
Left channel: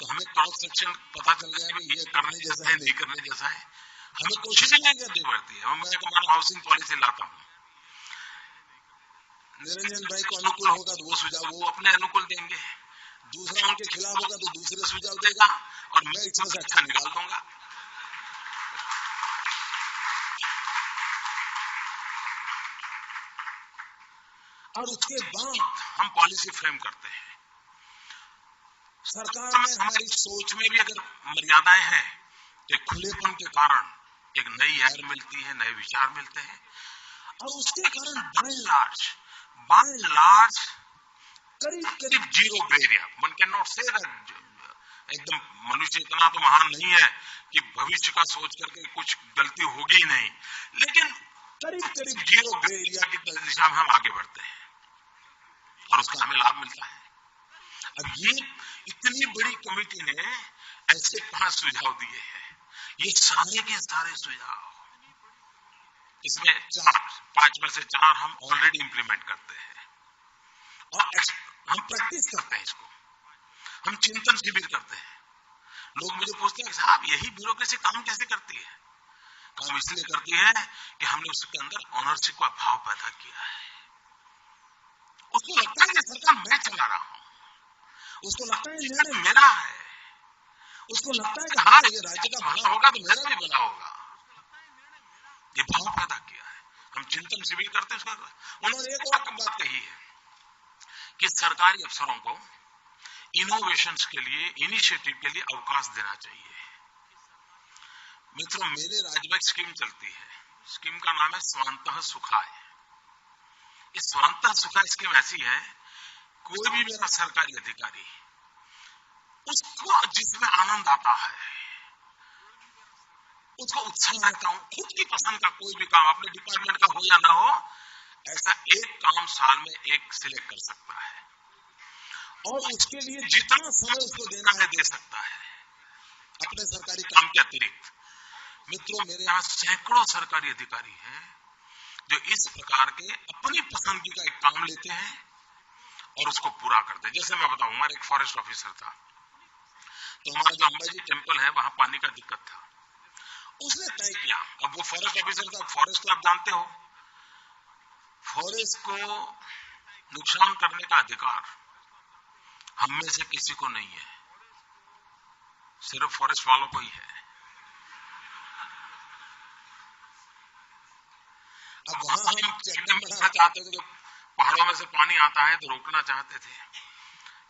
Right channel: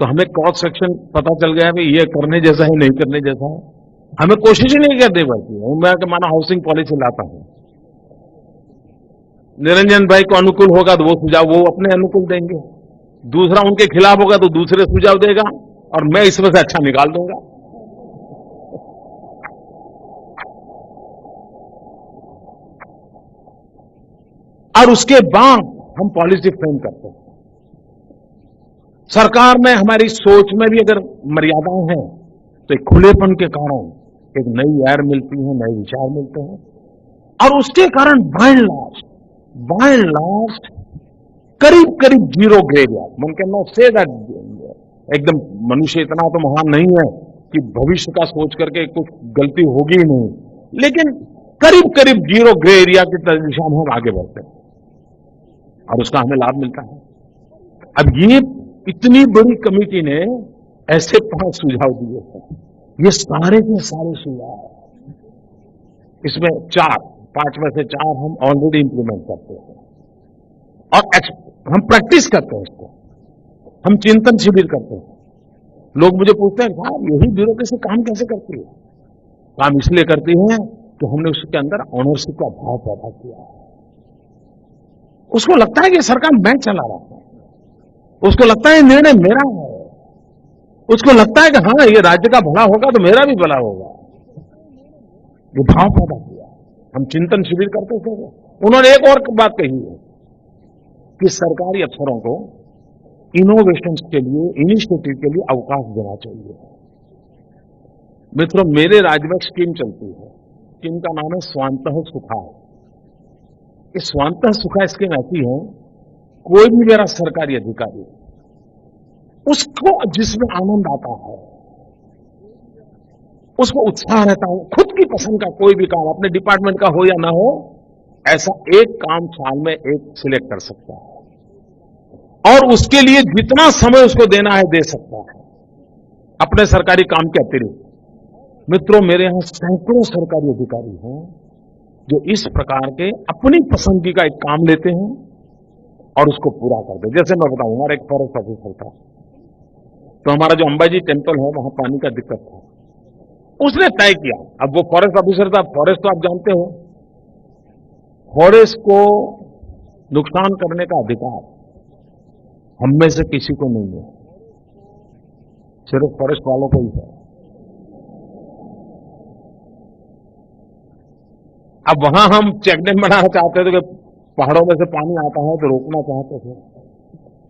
तो हमें क्रॉस सेक्शन पता चल गया भाई ये करने जैसा है, नहीं करने जैसा है। हमें कोशिश ही नहीं करनी पड़ती है। मैं मानो हाउसिंग पॉलिसी लाता हूं, निरंजन भाई को अनुकूल होगा तो वो सुझाव वो अपने अनुकूल देंगे, दूसरा उनके खिलाफ होगा तो दूसरे सुझाव देगा और मैं इसमें से अच्छा निकाल दूंगा। और उसके बाद हम पॉलिसी फ्रेम करते हैं। सरकार में हमारी सोच में भी अगर मर्यादाएं हैं तो एक खुलेपन के कारण एक नई एयर मिलती है, नए विचार मिलते हैं और उसके कारण बाय एंड लार्ज करीब करीब zero grey area. One can not say that एकदम मनुष्य इतना तो महान नहीं है कि भविष्य का सोच करके कुछ गलती होगी ही नहीं, लेकिन करीब करीब जीरो ग्रे एरिया की दिशा में हम आगे बढ़ते हैं और उसका हमें लाभ मिलता है। अब ये इतनी बड़ी कमेटी ने ऐसे 5 सुझाव दिए हैं, ये सारे के सारे सुझाव, इसमें 5 में से 4 हम ऑलरेडी इंप्लीमेंट करते हैं और हम प्रैक्टिस करते हैं इसको, हम चिंतन शिविर करते हैं। लोग मुझे पूछते हैं साहब यही ब्यूरोक्रेसी काम कैसे करती है? काम इसलिए करती है कि हमने उसके अंदर ऑनरशिप का भाव पैदा किया है। उसको लगता है कि सरकार मैं चला रहा हूं, उसको लगता है निर्णय मेरा है, उसको लगता है कि हां ये राज्य का भला होगा तो मेरा भी भला होगा। ये भाव पैदा किया है, हम चिंतन शिविर करते हैं उसका। उन्होंने एक और बात कही है कि सरकारी अफसरों को इनोवेशंस के लिए, इनिशिएटिव के लिए अवकाश देना चाहिए। मित्रों, मेरे राज्य में एक स्कीम चलती है, स्कीम का नाम है स्वांतः सुखाय। ये स्वांतः सुखा स्कीम ऐसी है, कोई भी मेरा सरकारी अधिकारी, उसको जिसमें आनंद आता है, उसको उत्साह रहता हूं, खुद की पसंद का कोई भी काम अपने डिपार्टमेंट का हो या ना हो, ऐसा एक काम साल में एक सिलेक्ट कर सकता है और उसके लिए जितना समय उसको देना है दे सकता है अपने सरकारी काम के अतिरिक्त। मित्रों, मेरे यहां सैकड़ों सरकारी अधिकारी हैं जो इस प्रकार के अपनी पसंदगी का एक काम लेते हैं और उसको पूरा करते हैं। जैसे मैं बताऊं, हमारा एक फॉरेस्ट ऑफिसर था, तो हमारा जो अंबाजी टेम्पल है वहां पानी का दिक्कत था। उसने तय किया, अब वो फॉरेस्ट ऑफिसर था, फॉरेस्ट तो आप जानते हो, फॉरेस्ट को नुकसान करने का अधिकार हम में से किसी को नहीं है, सिर्फ फॉरेस्ट वालों को ही है। अब वहां हम चेक डैम बनाना चाहते थे कि पहाड़ों में से पानी आता है तो रोकना चाहते थे।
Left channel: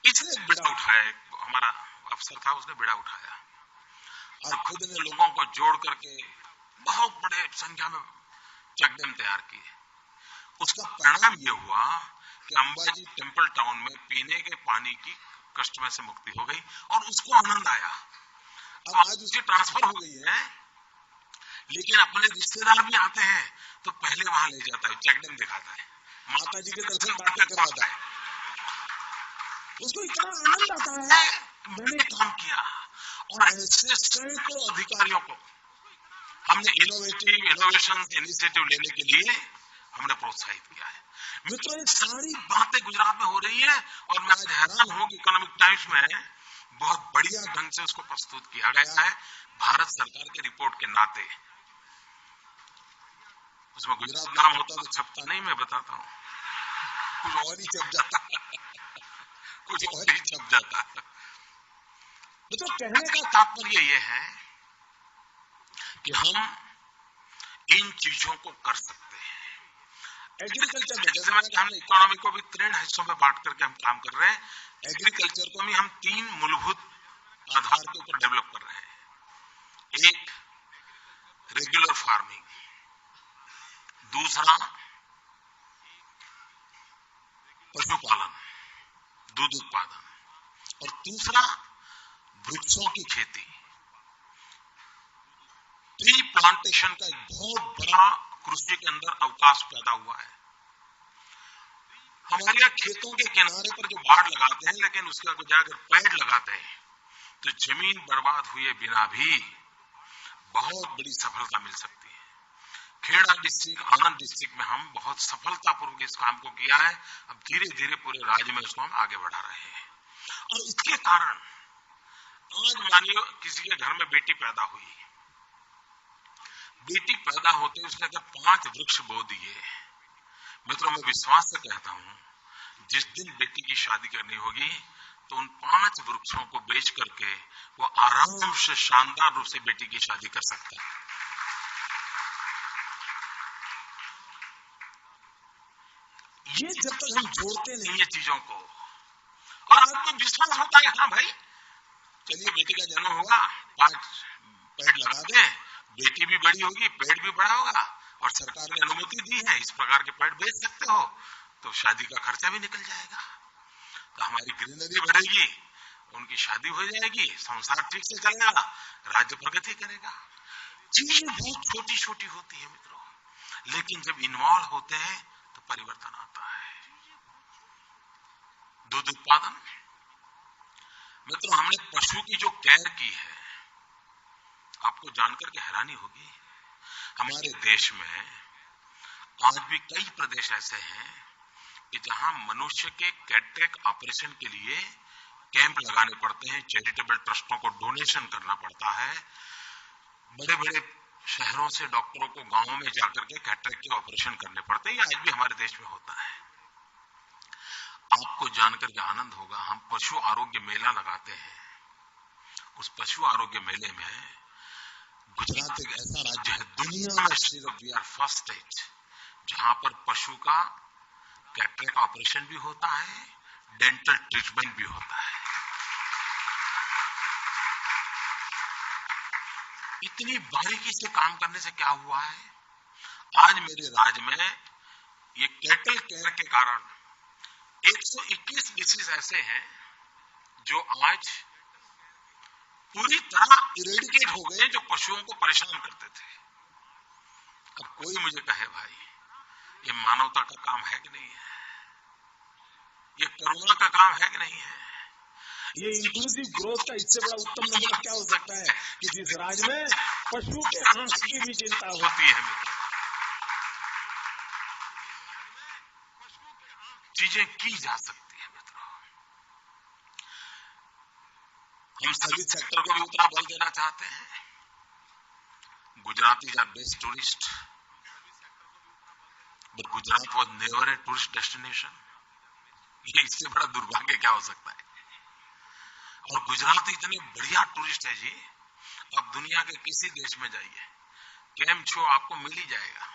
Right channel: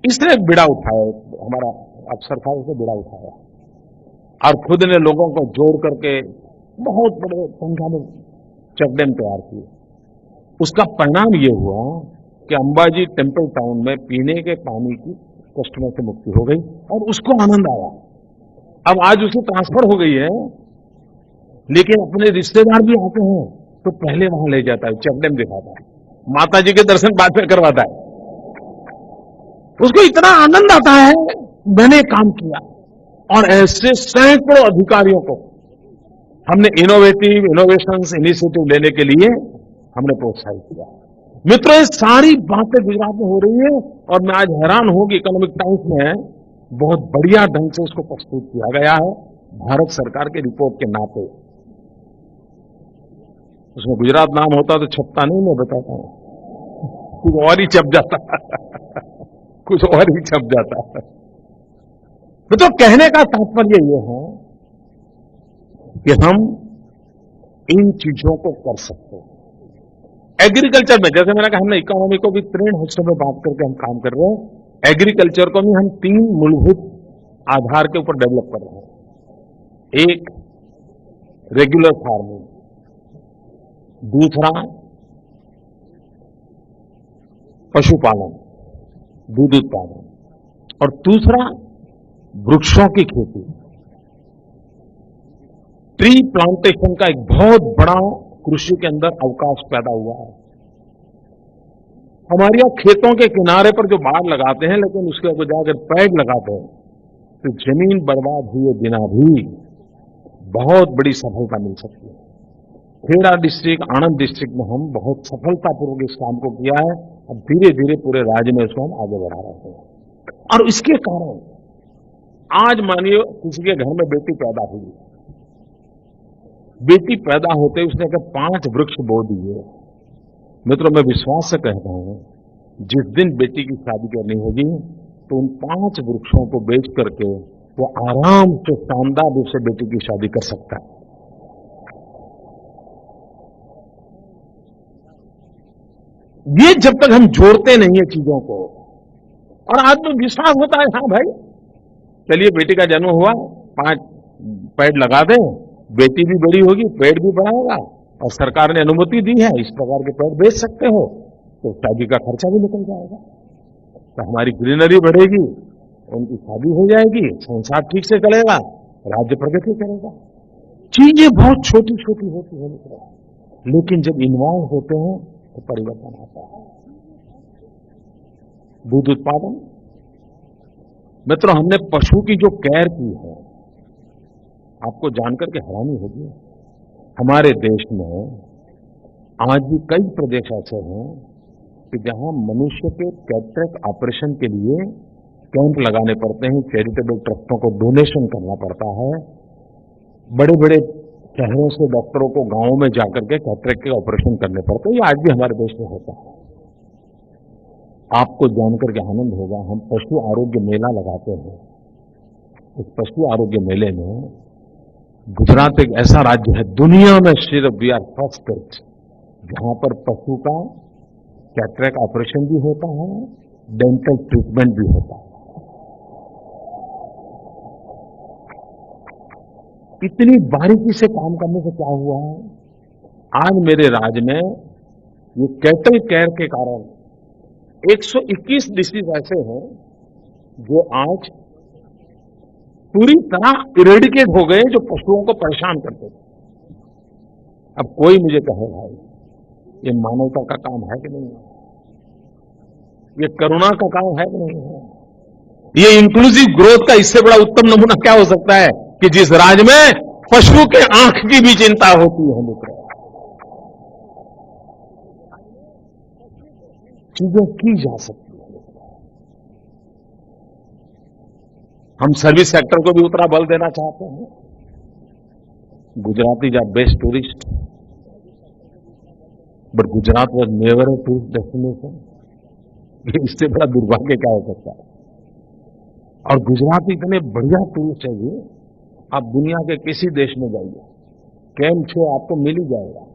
इसने एक बिड़ा उठाया, एक हमारा अफसर था, उसने बिड़ा उठाया और खुद ने लोगों को जोड़ करके बहुत बड़े संख्या में चेक डैम तैयार किए। उसका परिणाम यह हुआ कि अंबाजी टेम्पल टाउन में पीने के पानी की कष्ट में से मुक्ति हो गई और उसको आनंद आया। अब आज उसकी ट्रांसफर हो गई है, लेकिन अपने रिश्तेदार भी आते हैं तो पहले वहां ले जाता है, चेक डैम दिखाता है, माता जी के दर्शन बाद में करवाता है। उसको इतना आनंद आता है, मैंने काम किया। और ऐसे सैकड़ों अधिकारियों को हमने इनोवेशंस इनिशिएटिव लेने के लिए हमने प्रोत्साहित किया है। मित्रों, ये सारी बातें गुजरात में हो रही हैं और मैं आज हैरान हूं कि इकोनॉमिक टाइम्स में बहुत बढ़िया ढंग से उसको प्रस्तुत किया गया है, भारत सरकार के रिपोर्ट के नाते। उसमें गुजरात नाम होता तो छपता नहीं, मैं बताता हूं, कुछ और ही छप जाता कुछ और ही छप जाता। तो कहने का तात्पर्य यह है कि हम इन चीजों को कर सकते हैं। एग्रीकल्चर में, जैसे मैंने कहा, हमने इकोनॉमी को भी 3 हिस्सों में बांट करके हम काम कर रहे हैं। एग्रीकल्चर को भी हम 3 मूलभूत आधार के ऊपर डेवलप कर रहे हैं। एक, रेगुलर फार्मिंग, दूसरा पशुपालन, दूध उत्पादन, और तीसरा वृक्षों की खेती। ट्री प्लांटेशन का एक बहुत बड़ा कृषि के अंदर अवकाश पैदा हुआ है। हमारे यहां खेतों के किनारे पर जो बाड़ लगाते हैं, लेकिन उसके बजाय अगर पेड़ लगाते हैं तो जमीन बर्बाद हुए बिना भी बहुत बड़ी सफलता मिल सकती है। खेड़ा डिस्ट्रिक्ट, आनंद डिस्ट्रिक्ट में हम बहुत सफलतापूर्वक इस काम को किया है। अब धीरे धीरे पूरे राज्य में इसको हम आगे बढ़ा रहे हैं। और इसके कारण आज मानिए किसी के घर में बेटी पैदा हुई, बेटी पैदा होते उसने अगर 5 वृक्ष बो दिए, मित्रों, मैं विश्वास से कहता हूं, जिस दिन बेटी की शादी करनी होगी तो उन 5 वृक्षों को बेच करके वो आराम से शानदार रूप से बेटी की शादी कर सकता है। ये जब तक हम जोड़ते नहीं है चीजों को, और आदमी विश्वास होता है, हां भाई चलिए बेटी का जन्म हुआ, 5 पेड़ लगा दें, बेटी भी बड़ी होगी, पेड़ भी बड़ा होगा, और सरकार ने अनुमति दी है, इस प्रकार के पेड़ बेच सकते हो, तो शादी का खर्चा भी निकल जाएगा, तो हमारी ग्रीनरी बढ़ेगी, उनकी शादी हो जाएगी, संसार ठीक से चलेगा, राज्य प्रगति करेगा। चीजें बहुत छोटी छोटी होती है मित्रों, लेकिन जब इन्वॉल्व होते हैं तो परिवर्तन आता है। दूध उत्पादन, मित्रों, हमने पशु की जो केयर की है, आपको जानकर के हैरानी होगी, हमारे देश में आज भी कई प्रदेश ऐसे हैं कि जहां मनुष्य के कैटरेक्ट ऑपरेशन के लिए कैंप लगाने पड़ते हैं, चैरिटेबल ट्रस्टों को डोनेशन करना पड़ता है। बड़े बड़े शहरों से डॉक्टरों को गांवों में जाकर के कैटरेक्ट के ऑपरेशन करने पड़ते हैं। ये आज भी हमारे देश में होता है। आपको जानकर के आनंद होगा, हम पशु आरोग्य मेला लगाते हैं। उस पशु आरोग्य मेले में गुजरात एक ऐसा राज्य है दुनिया में, सिर्फ वी आर फर्स्ट स्टेट, जहां पर पशु का कैटरेक्ट ऑपरेशन भी होता है, डेंटल ट्रीटमेंट भी होता है। इतनी बारीकी से काम करने से क्या हुआ है, आज मेरे राज्य में ये कैटल केयर के कारण 121 डिसीज ऐसे हैं जो आज पूरी तरह इरेडिकेट हो गए, जो पशुओं को परेशान करते थे। अब कोई मुझे कहे भाई, ये मानवता का काम है कि नहीं है? ये करुणा का काम है कि नहीं है? ये इंक्लूसिव ग्रोथ का इससे बड़ा उत्तम नमूना क्या हो सकता है कि जिस राज्य में पशु के आंख की भी चिंता होती है। मित्र, चीजें की जा सकती है। मित्रों, हम सर्विस सेक्टर को भी उतना बल देना चाहते हैं। Gujaratis are best tourist, but Gujarat was never a tourist destination. ये इससे बड़ा दुर्भाग्य क्या हो सकता है? और गुजराती इतने बढ़िया टूरिस्ट है जी, आप दुनिया के किसी देश में जाइए, केम छो आपको मिल ही जाएगा।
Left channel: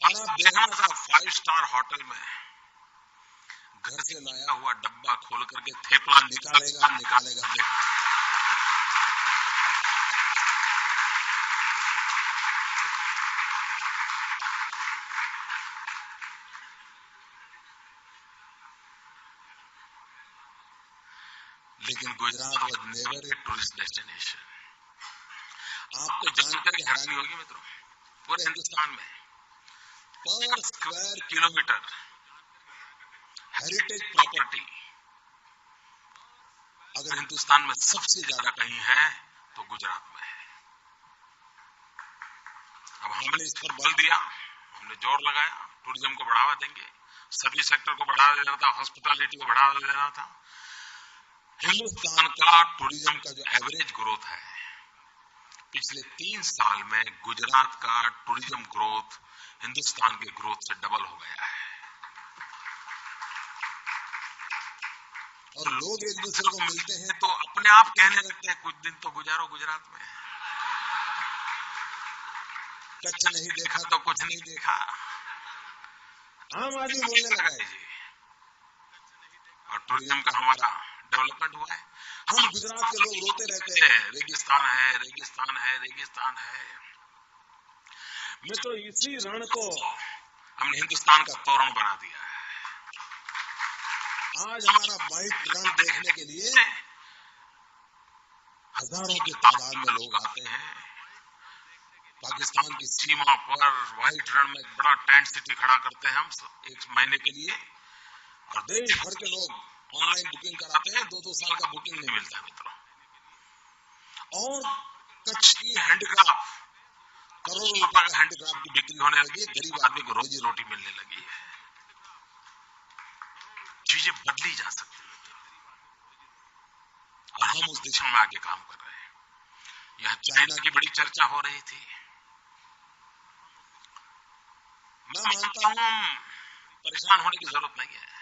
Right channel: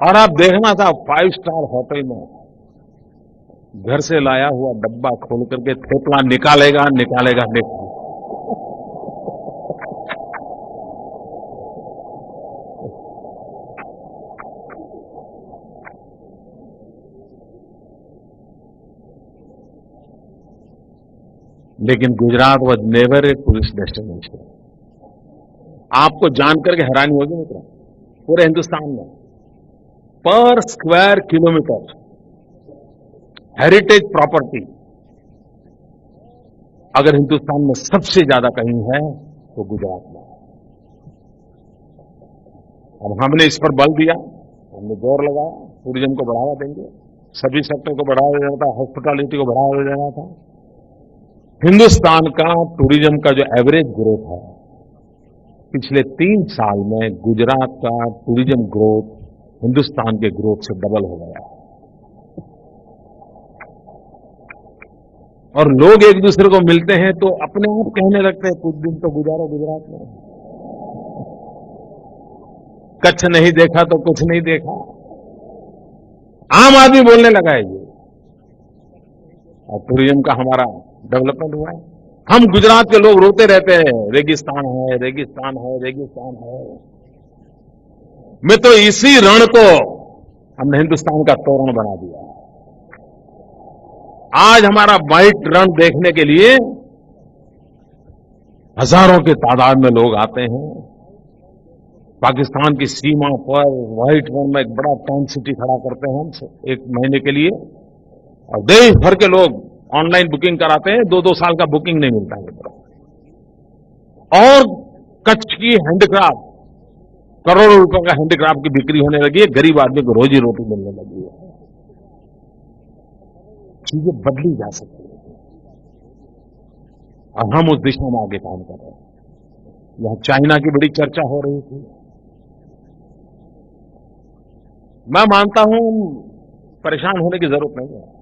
और आप देखना साहब, 5 स्टार होटल में घर से लाया हुआ डब्बा खोल करके थेपला निकालेगा। लेकिन Gujarat was never a tourist destination. आपको जानकर के हैरानी होगी मित्रों, पूरे हिंदुस्तान में पर स्क्वायर किलोमीटर हेरिटेज प्रॉपर्टी अगर हिंदुस्तान में सबसे ज्यादा कहीं है तो गुजरात में है। अब हमने इस पर बल दिया, हमने जोर लगाया, टूरिज्म को बढ़ावा देंगे, सर्विस सेक्टर को बढ़ावा देना था, हॉस्पिटैलिटी को बढ़ावा देना था। हिंदुस्तान का टूरिज्म का जो एवरेज ग्रोथ है, पिछले 3 साल में गुजरात का टूरिज्म ग्रोथ हिंदुस्तान के ग्रोथ से डबल हो गया है। और लोग एक दूसरे को मिलते हैं तो अपने आप कहने लगते हैं, कुछ दिन तो गुजारो गुजरात में। कच्छ नहीं देखा तो कुछ नहीं देखा, आम आदमी बोलने लगा है जी। और टूरिज्म का हमारा डेवलपमेंट हुआ है। हम गुजरात के लोग रोते रहते हैं, रेगिस्तान है, रेगिस्तान है, रेगिस्तान है। मित्रों, इसी रण को हमने हिंदुस्तान का तोरण बना दिया है। आज हमारा व्हाइट रण देखने के लिए हजारों की तादाद में लोग आते हैं। पाकिस्तान की सीमा पर व्हाइट रण में एक बड़ा टेंट सिटी खड़ा करते हैं हम 1 महीने के लिए, और देश भर के लोग ऑनलाइन बुकिंग कराते हैं। 2-2 साल का बुकिंग नहीं मिलता है मित्रों। और कच्छ की हैंडीक्राफ्ट, करोड़ों रुपए का हैंडीक्राफ्ट की बिक्री होने लगी है, गरीब आदमी को रोजी रोटी मिलने लगी है। चीजें बदली जा सकती है और हम उस दिशा में आगे काम कर रहे हैं। यहां चाइना की बड़ी चर्चा हो रही थी। मैं मानता हूं हम परेशान होने की जरूरत नहीं है।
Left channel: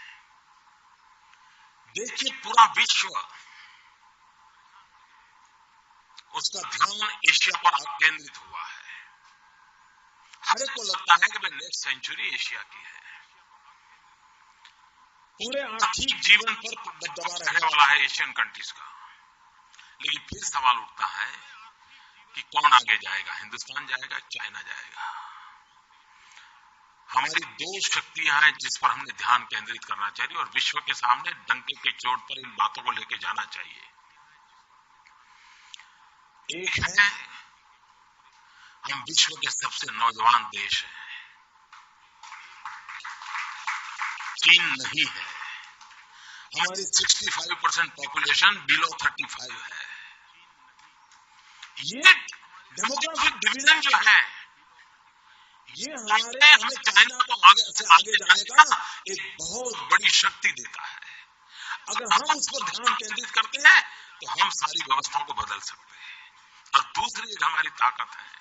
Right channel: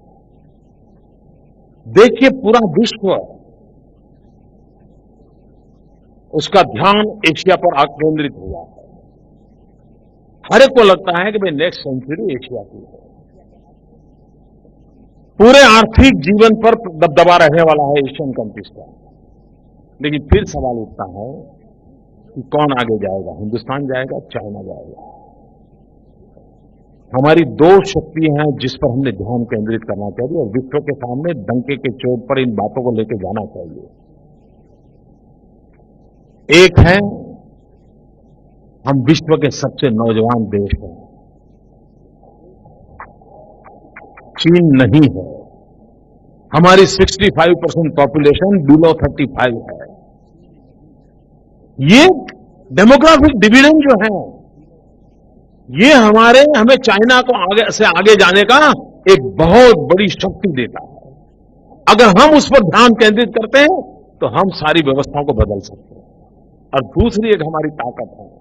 देखिए, पूरा विश्व उसका ध्यान एशिया पर केंद्रित हुआ है। हर एक को लगता है कि भाई नेक्स्ट सेंचुरी एशिया की है। पूरे आर्थिक जीवन पर दबदबा रहने वाला है एशियन कंट्रीज का। लेकिन फिर सवाल उठता है कि कौन आगे जाएगा, हिंदुस्तान जाएगा, चाइना जाएगा? हमारी 2 शक्तियां हैं जिस पर हमने ध्यान केंद्रित करना चाहिए और विश्व के सामने डंके के चोट पर इन बातों को लेकर जाना चाहिए। एक है, हम विश्व के सबसे नौजवान देश हैं, चीन नहीं है। हमारी 65% पॉपुलेशन बिलो 35 है। ये डेमोग्राफिक डिविडेंड जो है, ये हमें चाइना को आगे से आगे जाने का एक बहुत बड़ी शक्ति देता है। अगर हम उस पर ध्यान केंद्रित करते हैं तो हम सारी व्यवस्थाओं को बदल सकते हैं। और दूसरी एक हमारी ताकत है,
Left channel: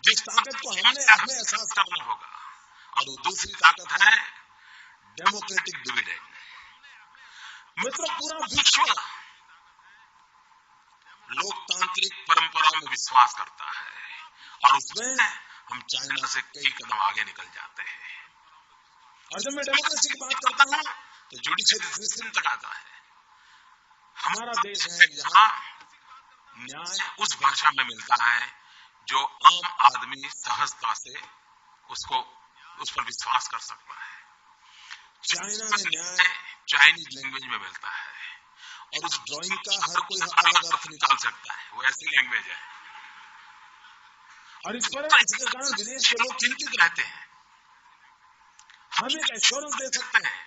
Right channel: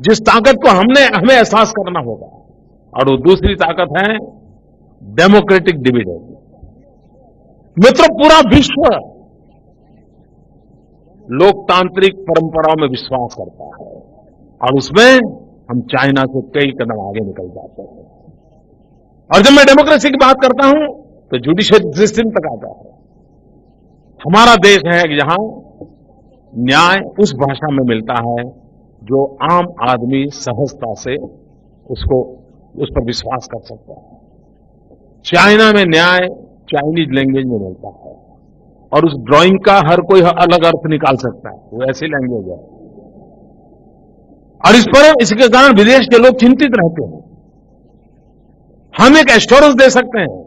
जिस ताकत को हमें एहसास करना होगा, और वो दूसरी ताकत है डेमोक्रेटिक डिविडेंड। मित्रों, पूरा विश्व लोकतांत्रिक परंपराओं में विश्वास करता है और उसमें हम चाइना से कई कदम आगे निकल जाते हैं। और जब मैं डेमोक्रेसी की बात करता हूं तो जुडिशरी सिस्टम तक आता है। हमारा देश है कि जहां न्याय उस भाषा में मिलता है जो आम आदमी सहजता से उस पर विश्वास कर सकता है। चाइना में न्याय चाइनीज लैंग्वेज में मिलता है और उस ड्राइंग का हर कोई अलग अर्थ निकाल सकता है, वो ऐसी लैंग्वेज है। और इसके कारण विदेश के लोग चिंतित रहते हैं। हम एक एश्योरेंस दे सकते हैं,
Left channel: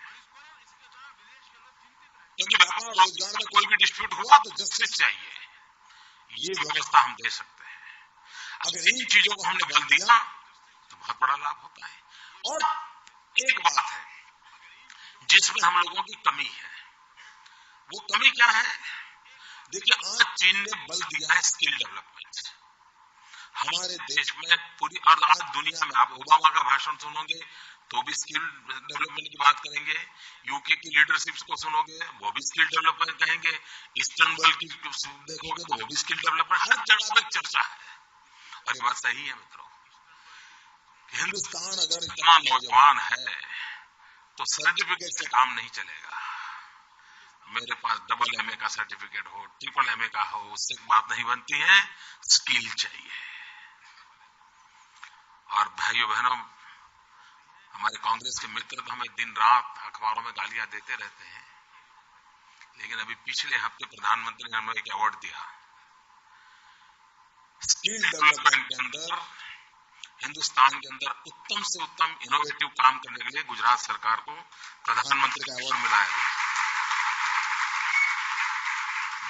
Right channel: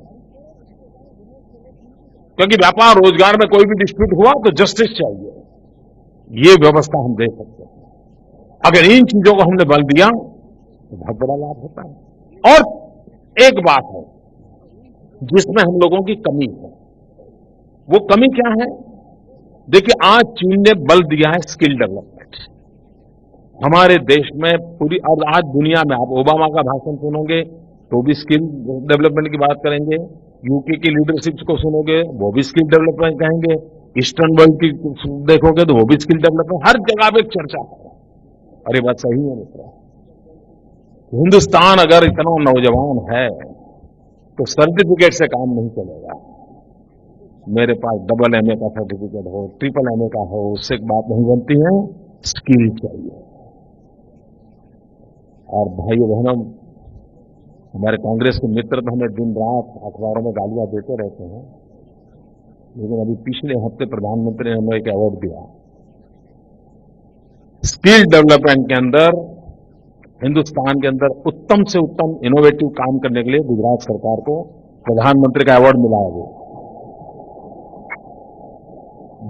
क्योंकि व्यापार रोजगार में कोई भी डिस्प्यूट हुआ तो जस्टिस चाहिए, ये व्यवस्था हम दे सकते हैं। अगर इन चीजों को हमने बल दिया तो बहुत बड़ा लाभ होता है। और एक बात है जिसमें हम लोगों की कमी है, वो कमी क्या है? देखिए, आज चीन ने बल दिया है स्किल डेवलपमेंट। हमारे देश में पूरी, और आज दुनिया में आप ओबामा का भाषण सुनोगे तो भी स्किल डेवलपमेंट की बात करेंगे, यूके की लीडरशिप को सुनोगे वो भी स्किल डेवलपमेंट कहेंगे, ईस्टर्न वर्ल्ड की देखोगे तो वो भी स्किल डेवलपमेंट, हर जगह पे एक चर्चा है। और ये बात सही है मित्रों, हिंदुस्तान अगर इतना नौजवान है तो सर्टिफिकेट से काम नहीं चलेगा। मेरे पास डबल एमए का सर्टिफिकेट हो, ट्रिपल एमए का हो, उससे बात नहीं बनती है, स्किल चाहिए। और भाइयों बहनों, हमारे कांग्रेस के मित्र तो हमें दिन रात अखबारों में गालियां देते रहते हैं, लेकिन अभी पिछले हफ्ते प्रधानमंत्री ने हमें एक अवार्ड दिया। स्किल डेवलपमेंट के अंदर हिंदुस्तान के अंदर उत्तम से उत्तम इनोवेटिव काम करने के लिए गुजरात सरकार को प्रधानमंत्री का अवार्ड मिला है।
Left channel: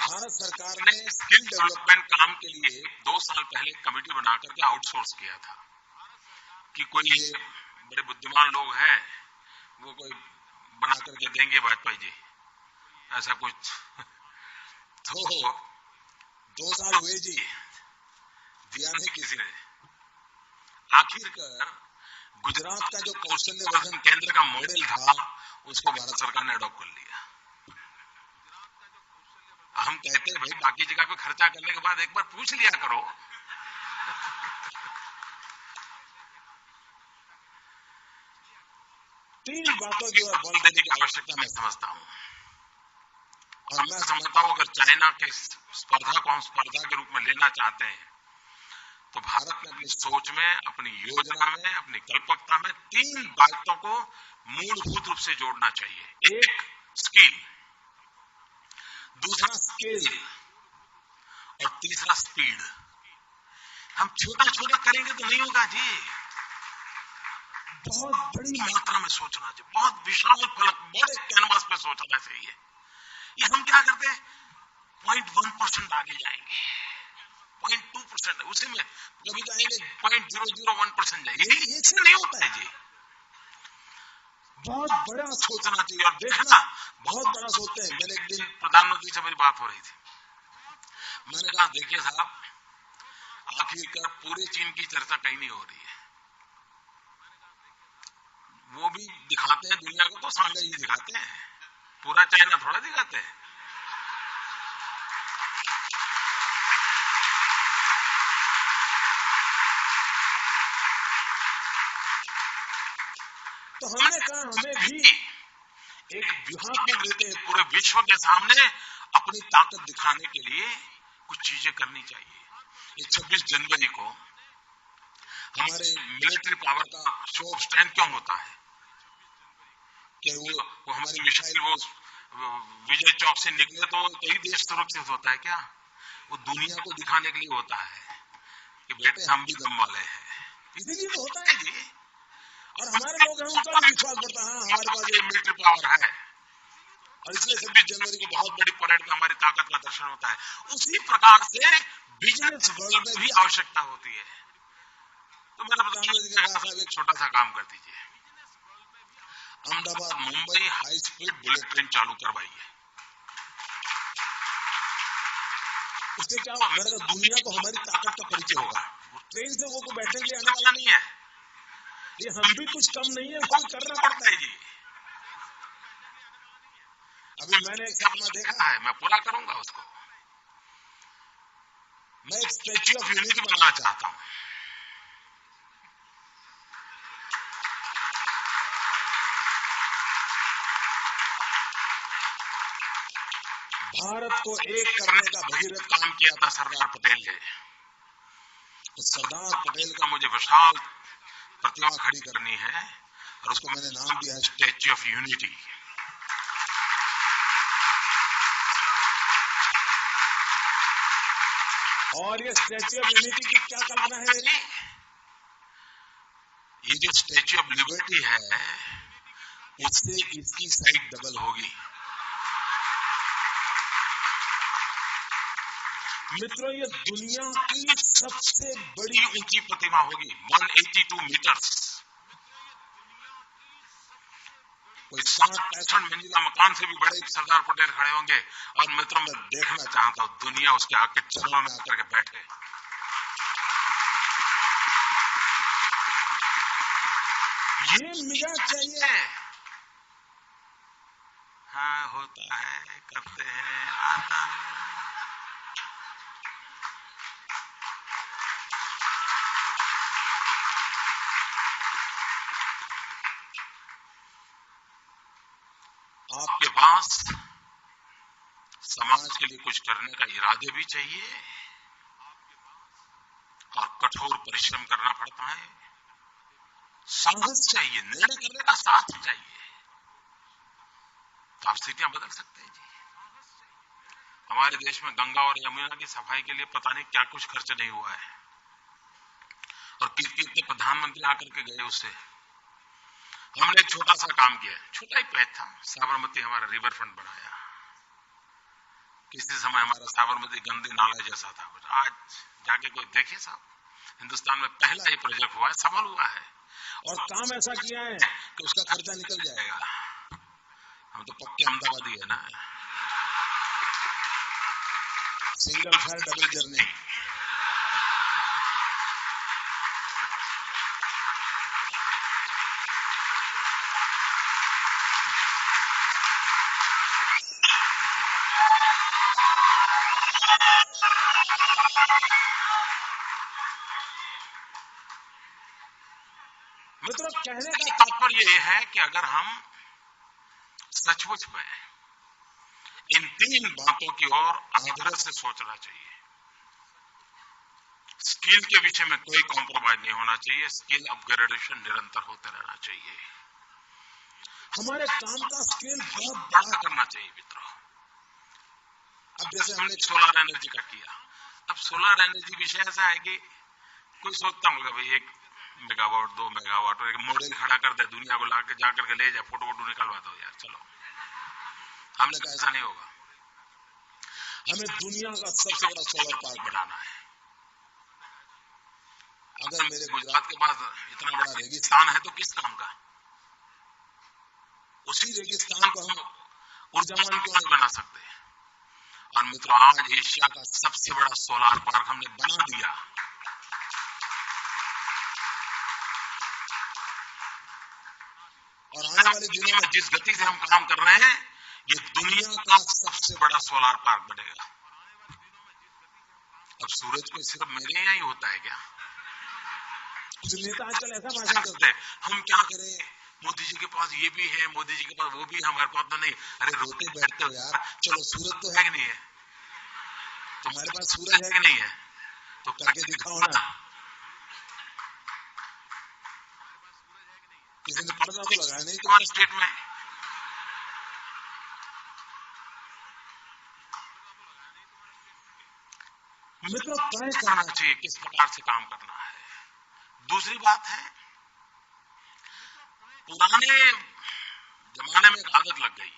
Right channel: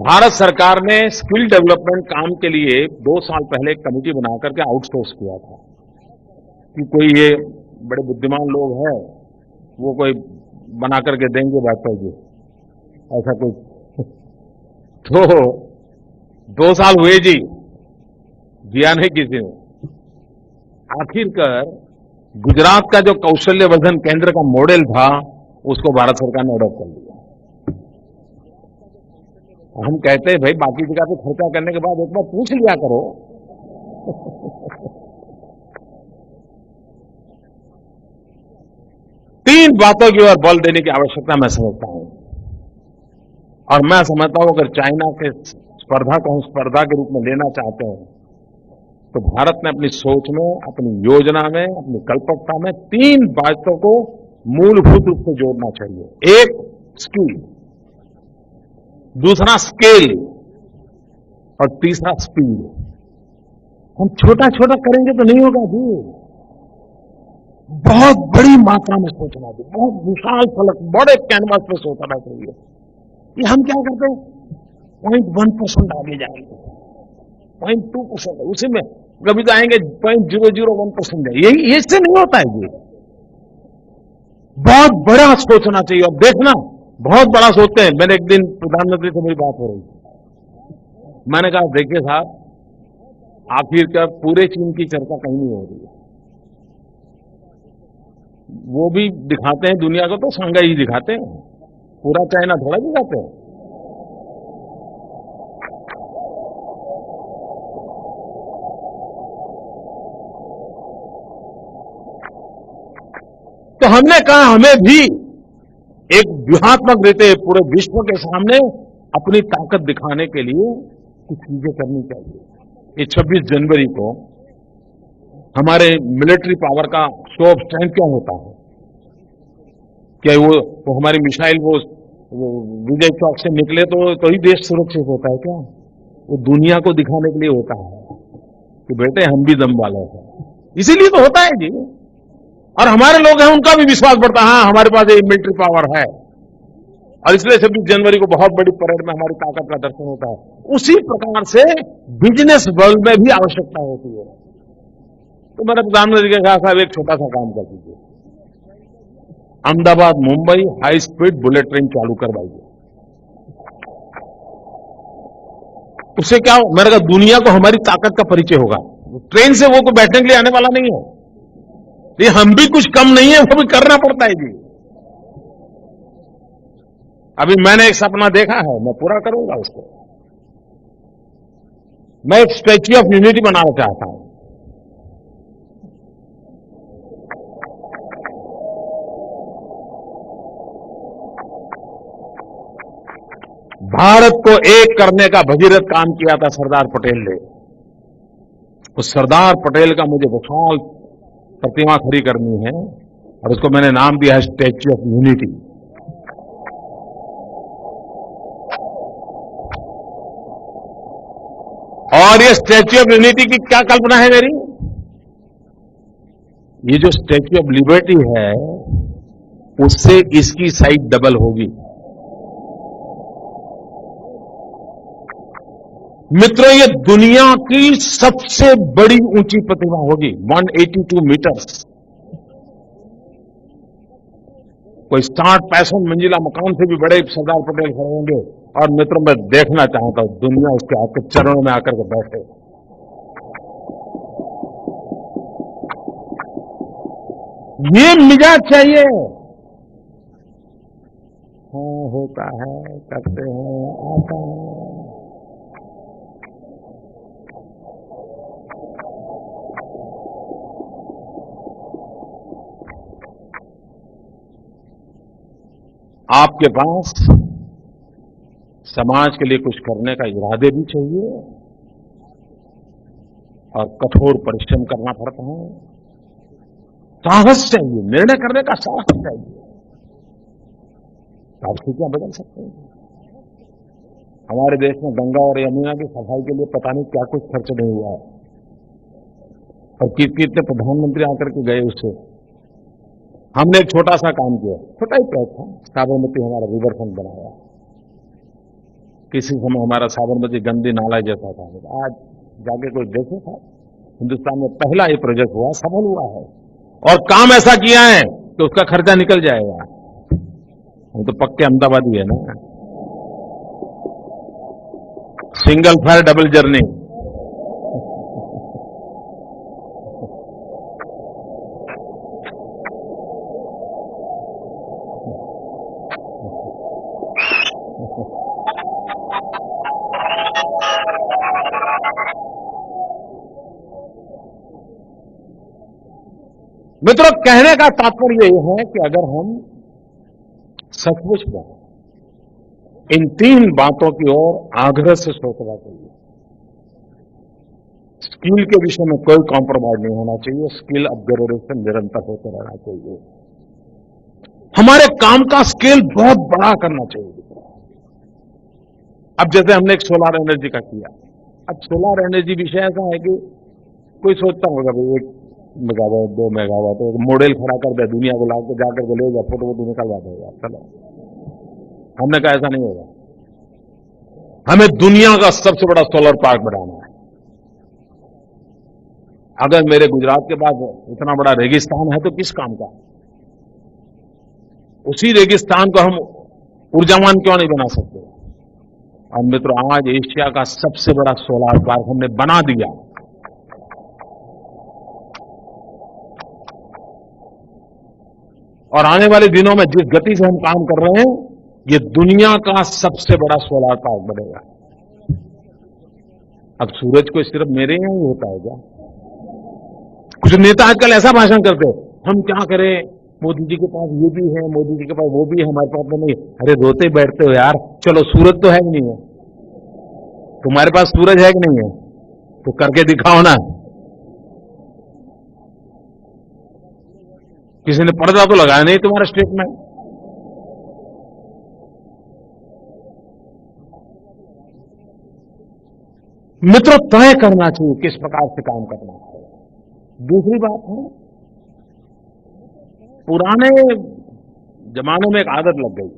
भारत सरकार ने स्किल डेवलपमेंट काम के लिए 2 साल पहले एक कमेटी बनाकर के आउटसोर्स किया था कि कोई ये बड़े बुद्धिमान लोग हैं, वो कोई बना करके देंगे वाजपेयी जी, ऐसा कुछ। तो 2 साल हुए जी, दिया नहीं किसी ने। आखिरकार गुजरात का जो कौशल्यवर्धन केंद्र का मॉडल था उसको भारत सरकार ने अडॉप्ट कर लिया। हम कहते हैं भाई बाकी जगह पे खर्चा करने के बाद एक बार पूछ लिया करो। तीन बातों की ओर बल देने की आवश्यकता मैं समझता हूं, और मैं समझता हूं अगर चाइना के स्पर्धा को हम स्पर्धा के रूप में लेना चाहते हैं तो भारत ने अपनी सोच में, अपनी योजना में, अपनी कल्पकता में 3 बातों को मूलभूत रूप से जोड़ना चाहिए। एक स्किल, दूसरा स्केल और तीसरा स्पीड। हम छोटा छोटा करेंगे तो नहीं होगा जी, बहुत बड़ी मात्रा में सोचना चाहिए, बहुत विशाल फलक, बड़े कैनवास पे सोचना चाहिए। ये हम क्या करते हैं, 0.1% आगे जाएंगे, 0.2%, उसी में कभी तो आएंगे 0.001% जाएंगे। यही इससे नहीं होता है जी। बहुत बड़ा सोचना चाहिए और देखना, बहुत बड़ा सोचते हैं। मैंने एक दिन प्रधानमंत्री से मेरी बात हो रही थी, मैंने कहा देखिए साहब, आखिरकार पूरे चीन की चर्चा कहीं नहीं हो रही है। वो भी दिखाते हैं दुनिया को तो सांघाई ही दिखाते हैं, पूरा चाइना थोड़ा दिखाते हैं। तो हमने कहा हमें भी एक व्यूहात्मक रीते पूरे विश्व के सामने अपनी ताकत दिखाने के लिए कुछ चीजें करनी चाहिए। ये 26 जनवरी को हमारे मिलिट्री पावर का शो ऑफ स्ट्रेंथ क्यों होता है? क्या वो हमारी मिसाइल वो विजय चौक से निकले तो ही देश सुरक्षित होता है क्या? वो दुनिया को दिखाने के लिए होता है कि बेटे हम भी दम वाले हैं, इसीलिए तो होता है जी। और हमारे लोग हैं, उनका भी विश्वास बढ़ता है, हाँ हमारे पास ये मिलिट्री पावर है, और इसलिए 26 जनवरी को बहुत बड़ी परेड में हमारी ताकत का दर्शन होता है। उसी प्रकार से बिजनेस वर्ल्ड में भी आवश्यकता होती है। तो मैंने प्रधानमंत्री के कहा साहब एक छोटा सा काम कर दीजिए, Ahmedabad Mumbai high speed bullet train चालू करवाइए। उससे क्या, मैंने कहा दुनिया को हमारी ताकत का परिचय होगा। ट्रेन से वो कोई बैठने के लिए आने वाला नहीं है, ये हम भी कुछ कम नहीं है, वो भी करना पड़ता है जी। अभी मैंने एक सपना देखा है, मैं पूरा करूंगा उसको। मैं एक स्टैच्यू ऑफ यूनिटी बनाना चाहता हूं। भारत को एक करने का भगीरथ काम किया था सरदार पटेल ने, उस सरदार पटेल का मुझे विशाल प्रतिमा खड़ी करनी है और उसको मैंने नाम दिया है स्टैच्यू ऑफ यूनिटी। और ये स्टैच्यू ऑफ यूनिटी की क्या कल्पना है मेरी? ये जो स्टैच्यू ऑफ लिबर्टी है उससे इसकी साइज डबल होगी। मित्रों, ये दुनिया की सबसे बड़ी ऊंची प्रतिमा होगी, 182 मीटर्स। कोई 60-65 मंजिला मकान से भी बड़े सरदार पटेल खड़े होंगे। और मित्रों, मैं देखना चाहता हूं दुनिया उसके आके चरणों में आकर के बैठे। ये मिजाज चाहिए। हाँ, होता है, करते हैं, आता है। आपके पास समाज के लिए कुछ करने का इरादे भी चाहिए और कठोर परिश्रम करना पड़ता है। साहस चाहिए, निर्णय करने का साहस चाहिए, तो आप स्थितियां बदल सकते हैं जी। हमारे देश में गंगा और यमुना की सफाई के लिए पता नहीं क्या कुछ खर्च नहीं हुआ है और कितने प्रधानमंत्री आकर के गए उससे। हमने एक छोटा सा काम किया, छोटा ही पैच था, साबरमती हमारा रिवर फ्रंट बनाया। किसी समय हमारा साबरमती गंदी नाला जैसा था। आज जाके कोई देखे साहब, हिंदुस्तान में पहला ये प्रोजेक्ट हुआ है, सफल हुआ है और काम ऐसा किया है कि उसका खर्चा निकल जाएगा। हम तो पक्के अहमदाबादी है ना, सिंगल फेयर डबल जर्नी। मित्रों, कहने का तात्पर्य यह है कि अगर हम सचमुच में इन 3 बातों की ओर आग्रह से सोचना चाहिए। स्किल के विषय में कोई कॉम्प्रोमाइज नहीं होना चाहिए, स्किल अपग्रेडेशन निरंतर होते रहना चाहिए। हमारे काम का स्केल बहुत बड़ा करना चाहिए मित्रों। अब जैसे हमने एक सोलर एनर्जी का किया, अब सोलर एनर्जी विषय ऐसा है कि कोई सोचता होगा भाई 1 मेगावाट 2 मेगावाट और एक मॉडल खड़ा कर दे, दुनिया को लाकर जाकर के ले जा, फोटो वोटो निकलवा दो यार, चलो। हमने कहा ऐसा नहीं होगा, हमें दुनिया का सबसे बड़ा सोलर पार्क बनाना है। अगर मेरे गुजरात के पास इतना बड़ा रेगिस्तान है तो किस काम का? उसी रेगिस्तान को हम ऊर्जावान क्यों नहीं बना सकते? और मित्रों, आज एशिया का सबसे बड़ा सोलर पार्क हमने बना दिया। और आने वाले दिनों में जिस गति से हम काम कर रहे हैं, ये दुनिया का सबसे बड़ा सोलर पार्क बनेगा। अब सूरज को सिर्फ मेरे यहां ही होता है क्या? कुछ नेता आजकल ऐसा भाषण करते हैं, हम क्या करें, मोदी जी के पास ये भी है, मोदी जी के पास वो भी है, हमारे पास तो नहीं। अरे रोते बैठते हो यार, चलो सूरज तो है कि नहीं है? तुम्हारे पास सूरज है कि नहीं है? तो करके दिखाओ ना। किसी ने पर्दा तो लगाया नहीं तुम्हारे स्टेट में। मित्रों, तय करना चाहिए किस प्रकार से काम करना है। दूसरी बात है, पुराने जमाने में एक आदत लग गई,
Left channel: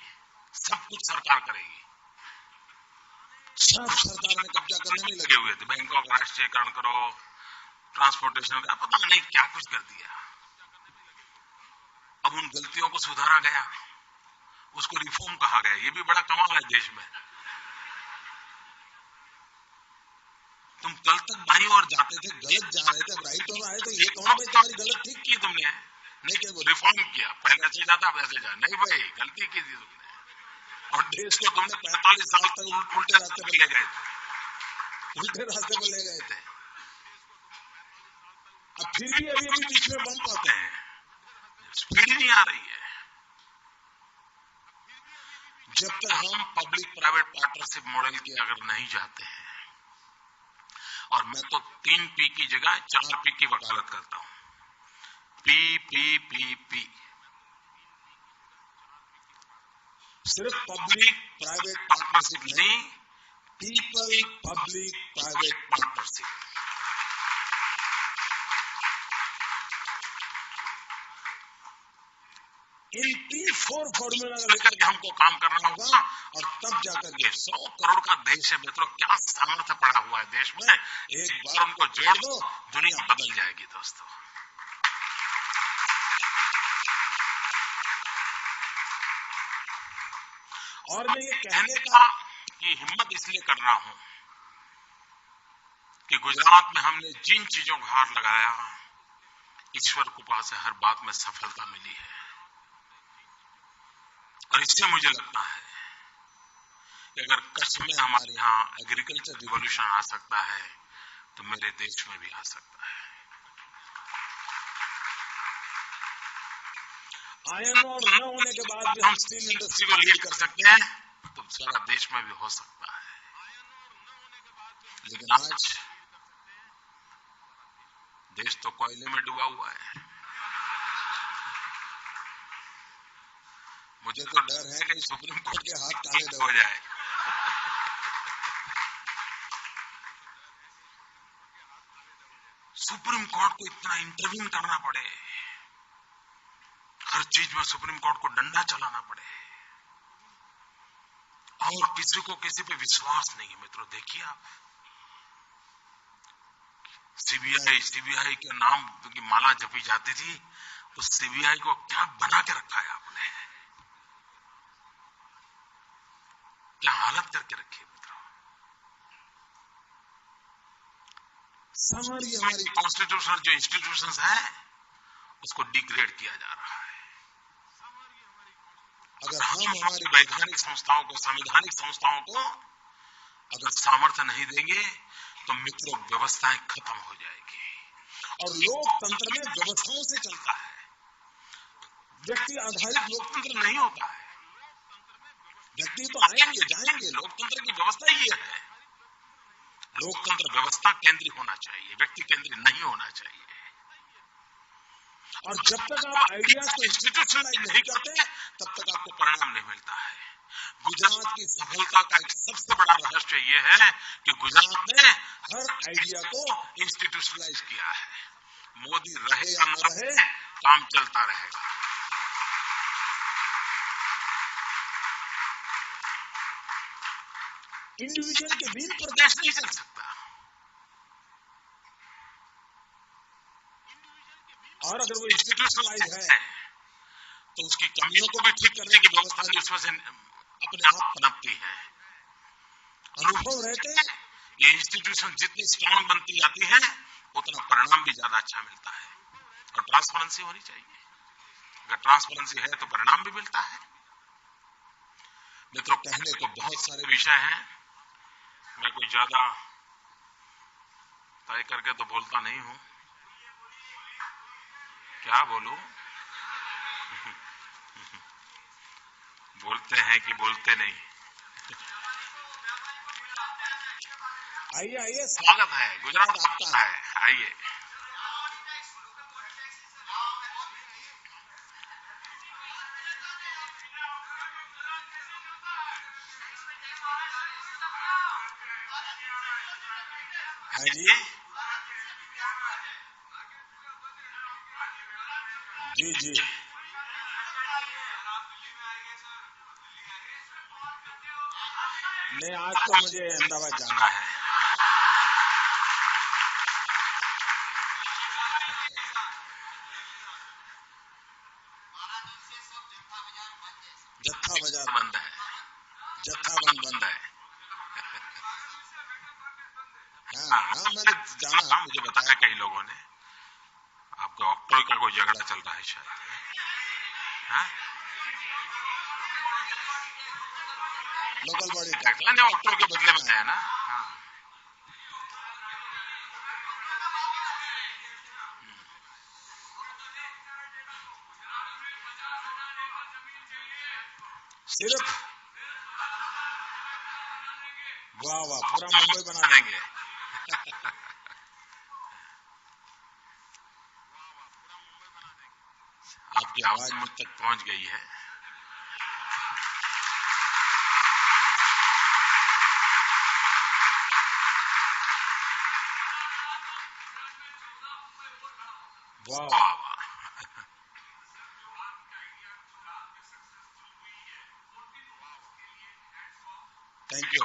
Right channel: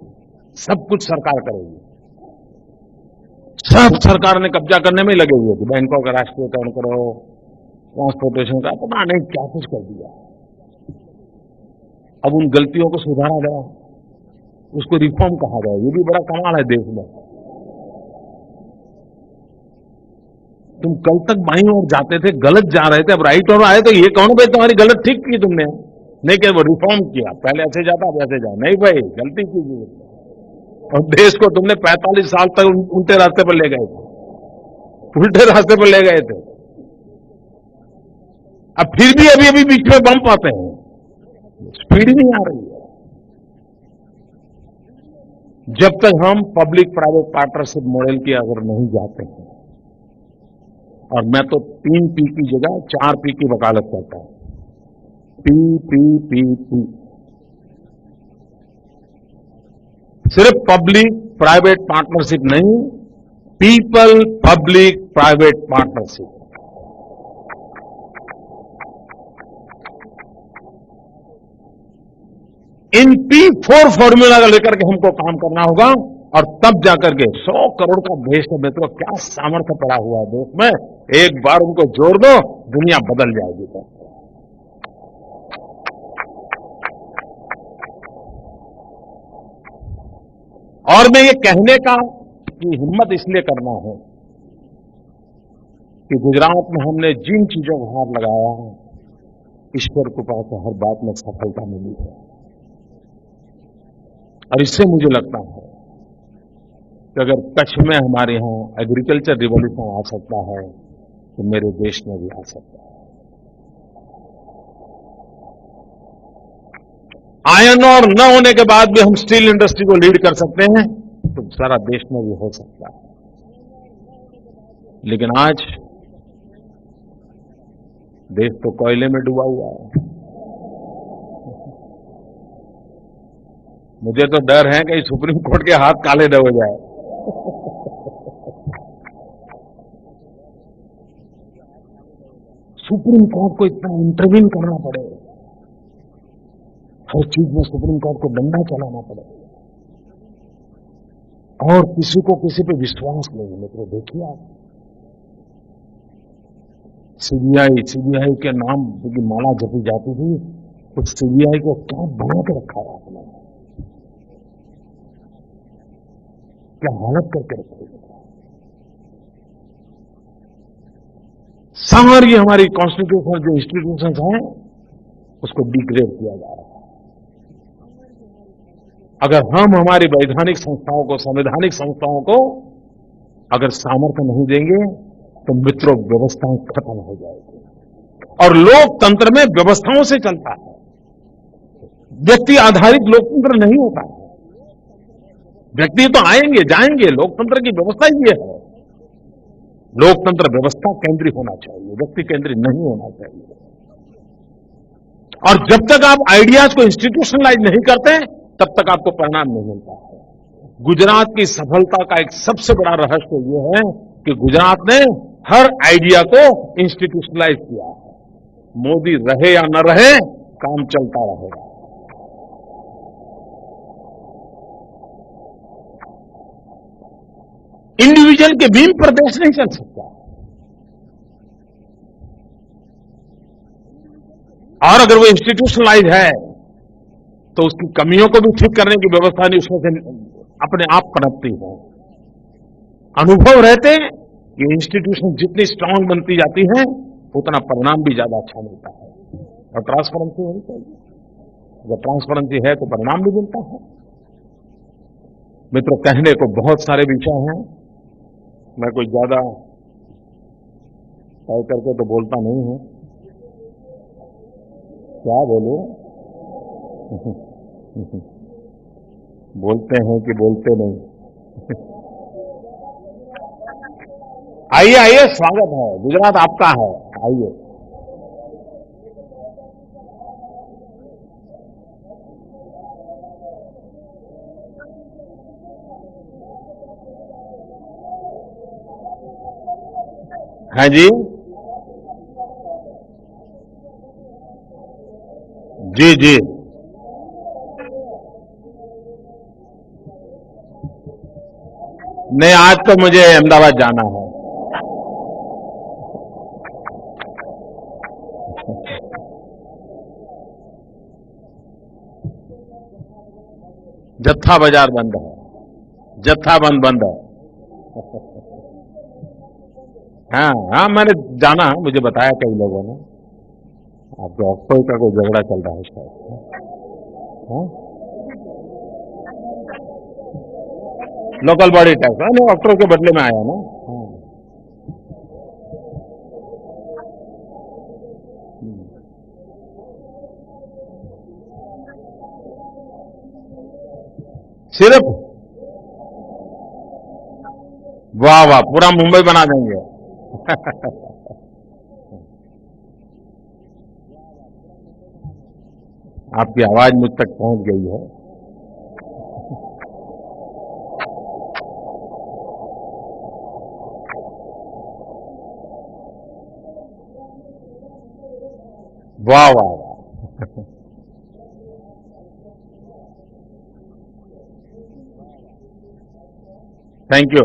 सब कुछ सरकार करेगी। सब सरकार ने कब्जा करने में ही लगे हुए थे। बैंकों का राष्ट्रीयकरण करो, ट्रांसपोर्टेशन का, पता नहीं क्या कुछ कर दिया। अब उन गलतियों को सुधारा गया, उसको रिफॉर्म कहा गया। ये भी बड़ा कमाल है देश में। तुम कल तक बाईं ओर जाते थे, गलत जा रहे थे, अब राइट ओर आए तो ये कौन भाई तुम्हारी गलत ठीक की तुमने? नहीं कि वो रिफॉर्म किया, पहले ऐसे जाता अब ऐसे जा। नहीं भाई, गलती की थी तुमने और देश को तुमने 45 साल तक उल्टे रास्ते पर ले गए थे, उल्टे रास्ते पर ले गए थे। अब फिर भी अभी बीच में बम्प आते हैं, स्पीड ही नहीं आ रही है। जब तक हम पब्लिक प्राइवेट पार्टनरशिप मॉडल की अगर नहीं जाते हैं और मैं तो 3 पी की जगह 4 पी की वकालत करता हूं। पी। सिर्फ पब्लिक प्राइवेट पार्टनरशिप नहीं, पीपल पब्लिक प्राइवेट पार्टनरशिप। इन P4 फॉर्मूला को लेकर के हमको काम करना होगा और तब जाकर के 100 करोड़ का देश है मित्रों, क्या सामर्थ्य पड़ा हुआ है देश में। एक बार उनको जोड़ दो, दुनिया बदल जाएगी दोस्तों। और मैं ये कहने का की हिम्मत इसलिए करना हूं कि गुजरात में हमने जिन चीजों को हाथ लगाया, ईश्वर कृपा से हर बात में सफलता मिली है। और इससे मुझे लगता है कि अगर कच्छ में हमारे यहां एग्रीकल्चर रिवॉल्यूशन आ सकता है तो मेरे देश में भी आ सकता है। आयरन ओर न होने के बाद भी हम स्टील इंडस्ट्री को लीड कर सकते हैं, तो सारा देश में भी हो सकता है। लेकिन आज देश तो कोयले में डूबा हुआ है। मुझे तो डर है कि सुप्रीम कोर्ट के हाथ काले न हो जाए। सुप्रीम कोर्ट को इतना इंटरवीन करना पड़े, हर चीज में सुप्रीम कोर्ट को डंडा चलाना पड़े और किसी को किसी पे विश्वास नहीं है। मित्रों देखिए आप, सीबीआई के नाम की माला जपी जाती थी, उस सीबीआई को क्या बना के रखा है आपने, क्या हालत करके रखी है मित्रों। सारी हमारी कॉन्स्टिट्यूशनल जो इंस्टीट्यूशंस हैं उसको डिग्रेड किया जा रहा है। अगर हम हमारी वैधानिक संस्थाओं को, संवैधानिक संस्थाओं को अगर सामर्थ्य नहीं देंगे तो मित्रों व्यवस्थाएं खत्म हो जाएगी। और लोकतंत्र में व्यवस्थाओं से चलता है, व्यक्ति आधारित लोकतंत्र नहीं होता है। व्यक्ति तो आएंगे जाएंगे, लोकतंत्र की व्यवस्था ही ये है। लोकतंत्र व्यवस्था केंद्रीय होना चाहिए, व्यक्ति केंद्रीय नहीं होना चाहिए। और जब तक आप आइडियाज को इंस्टीट्यूशनलाइज नहीं करते तब तक आपको परिणाम नहीं मिलता है। गुजरात की सफलता का एक सबसे बड़ा रहस्य यह है कि गुजरात ने हर आइडिया को इंस्टीट्यूशनलाइज किया है। मोदी रहे या न रहे, काम चलता रहेगा। इंडिविजुअल के बीम पर देश नहीं चल सकता। और अगर वो इंस्टीट्यूशनलाइज है तो उसकी कमियों को भी ठीक करने की व्यवस्था नहीं उसमें से अपने आप पनपती है। अनुभव रहते ये इंस्टीट्यूशन जितनी स्ट्रांग बनती जाती है उतना परिणाम भी ज्यादा अच्छा मिलता है। और ट्रांसपेरेंसी होनी चाहिए। अगर ट्रांसपेरेंसी है तो परिणाम भी मिलता है। मित्रों कहने को बहुत सारे विषय हैं, मैं कोई ज्यादा तय करके तो बोलता नहीं हूं। क्या बोलूं? बोलते हैं कि बोलते नहीं। आइए आइए, स्वागत है, गुजरात आपका है, आइए। हाँ जी जी जी, नहीं आज तो मुझे अहमदाबाद जाना है। जत्था बाजार बंद है, जत्था बंद है। हाँ, मैंने जाना, मुझे बताया कई लोगों ने। आपके ऑक्ट्रो का कोई झगड़ा चल रहा है शायद। हाँ? लोकल बॉडी टैक्स, नहीं ऑक्ट्रो के बदले में आया ना। हाँ। सिर्फ वाह वाह, पूरा मुंबई बना देंगे। आपकी आवाज मुझ तक पहुंच गई है। वाह वाह वाह। Thank you.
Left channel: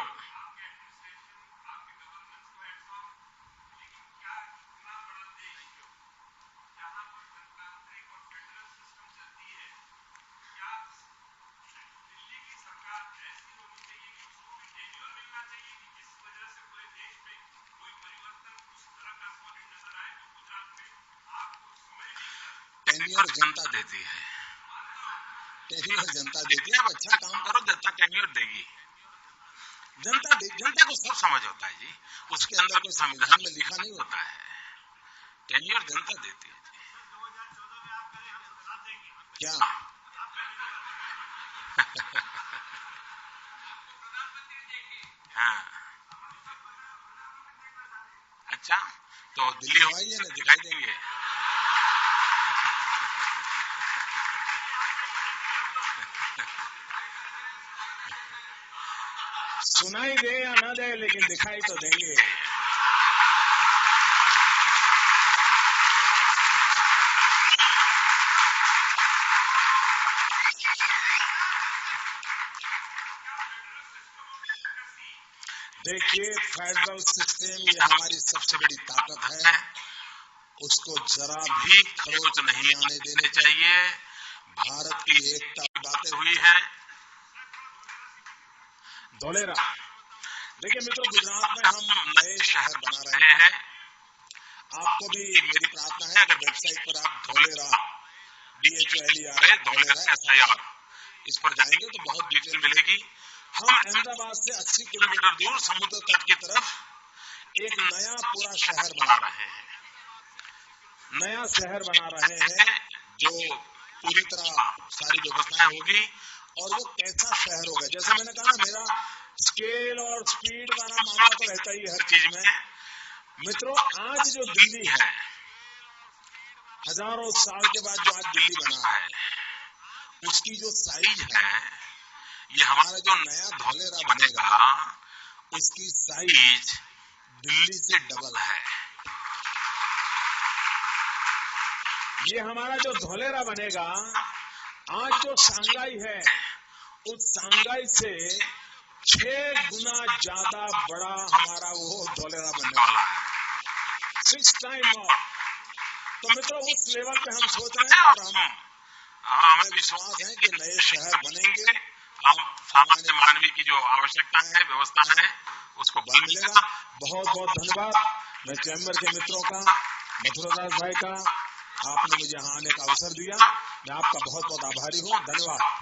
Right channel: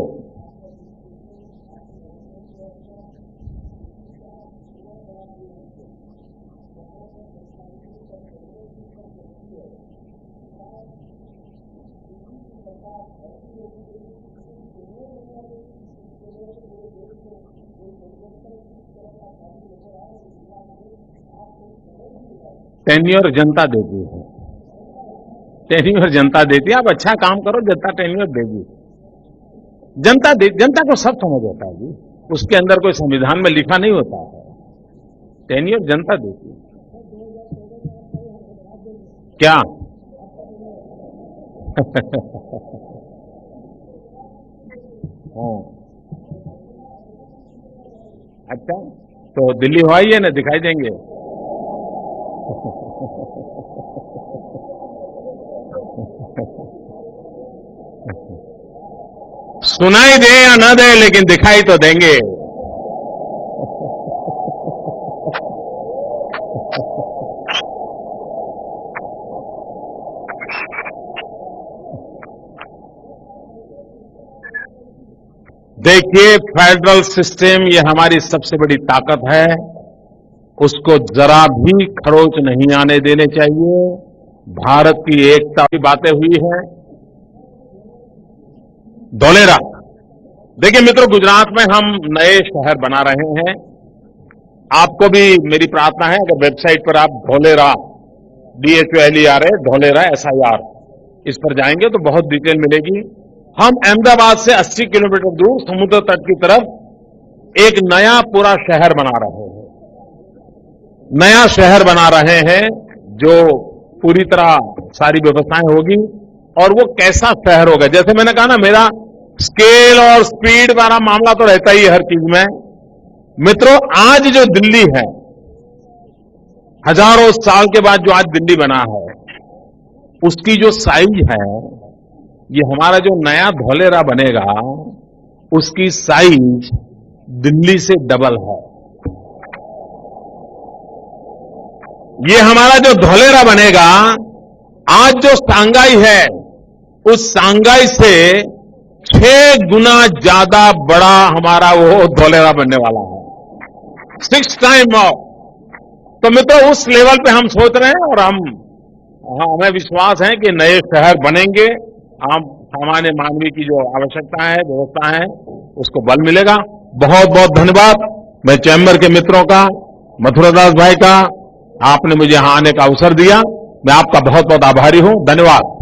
टेन्योर जनता देती है, टेन्योर जनता देती है। आप अच्छा काम करो, जनता टेन्योर देगी। जनता को सब समझ होता है जी, उसके अंदर कोई संविधान में लिखा नहीं होता है। टेन्योर जनता देती है जी। 2014 में आप करें, हम साथ देंगे। क्या? हाँ, अच्छा, तो दिल्ली हो आइए ना, दिखाई देंगे। सुनाई दे या न दे, लेकिन दिखाई तो देंगे। देखिए, फेडरल सिस्टम ये हमारी सबसे बड़ी ताकत है, उसको जरा भी खरोच नहीं आने देने चाहिए। भारत की एकता की बातें हुई हैं। धोलेरा, देखिए मित्रों, गुजरात में हम नए शहर बना रहे हैं। आपको भी मेरी प्रार्थना है, अगर वेबसाइट पर आप धोलेरा DHOLERA धोलेरा SIR इस पर जाएंगे तो बहुत डिटेल मिलेगी। हम अहमदाबाद से 80 किलोमीटर दूर समुद्र तट की तरफ एक नया पूरा शहर बना रहे हैं। नया शहर बना रहे हैं जो पूरी तरह सारी व्यवस्थाएं होगी। और वो कैसा शहर होगा, जैसे मैंने कहा ना, मेरा स्केल और स्पीड वाला मामला तो रहता ही है हर चीज में। मित्रों, आज जो दिल्ली है, हजारों साल के बाद जो आज दिल्ली बना है, उसकी जो साइज है, ये हमारा जो नया धोलेरा बनेगा, उसकी साइज दिल्ली से डबल है। ये हमारा जो धोलेरा बनेगा, आज जो सांगाई है, उस सांगाई से 6 गुना ज्यादा बड़ा हमारा वो धोलेरा बनने वाला है, 6 टाइम more। तो मित्रों, उस लेवल पे हम सोच रहे हैं और हमें विश्वास है कि नए शहर बनेंगे। आम सामान्य मानवी की जो आवश्यकता है, व्यवस्था है, उसको बल मिलेगा। बहुत बहुत धन्यवाद मैं चैम्बर के मित्रों का, मथुरादास भाई का, आपने मुझे यहां आने का अवसर दिया। मैं आपका बहुत बहुत आभारी हूं। धन्यवाद।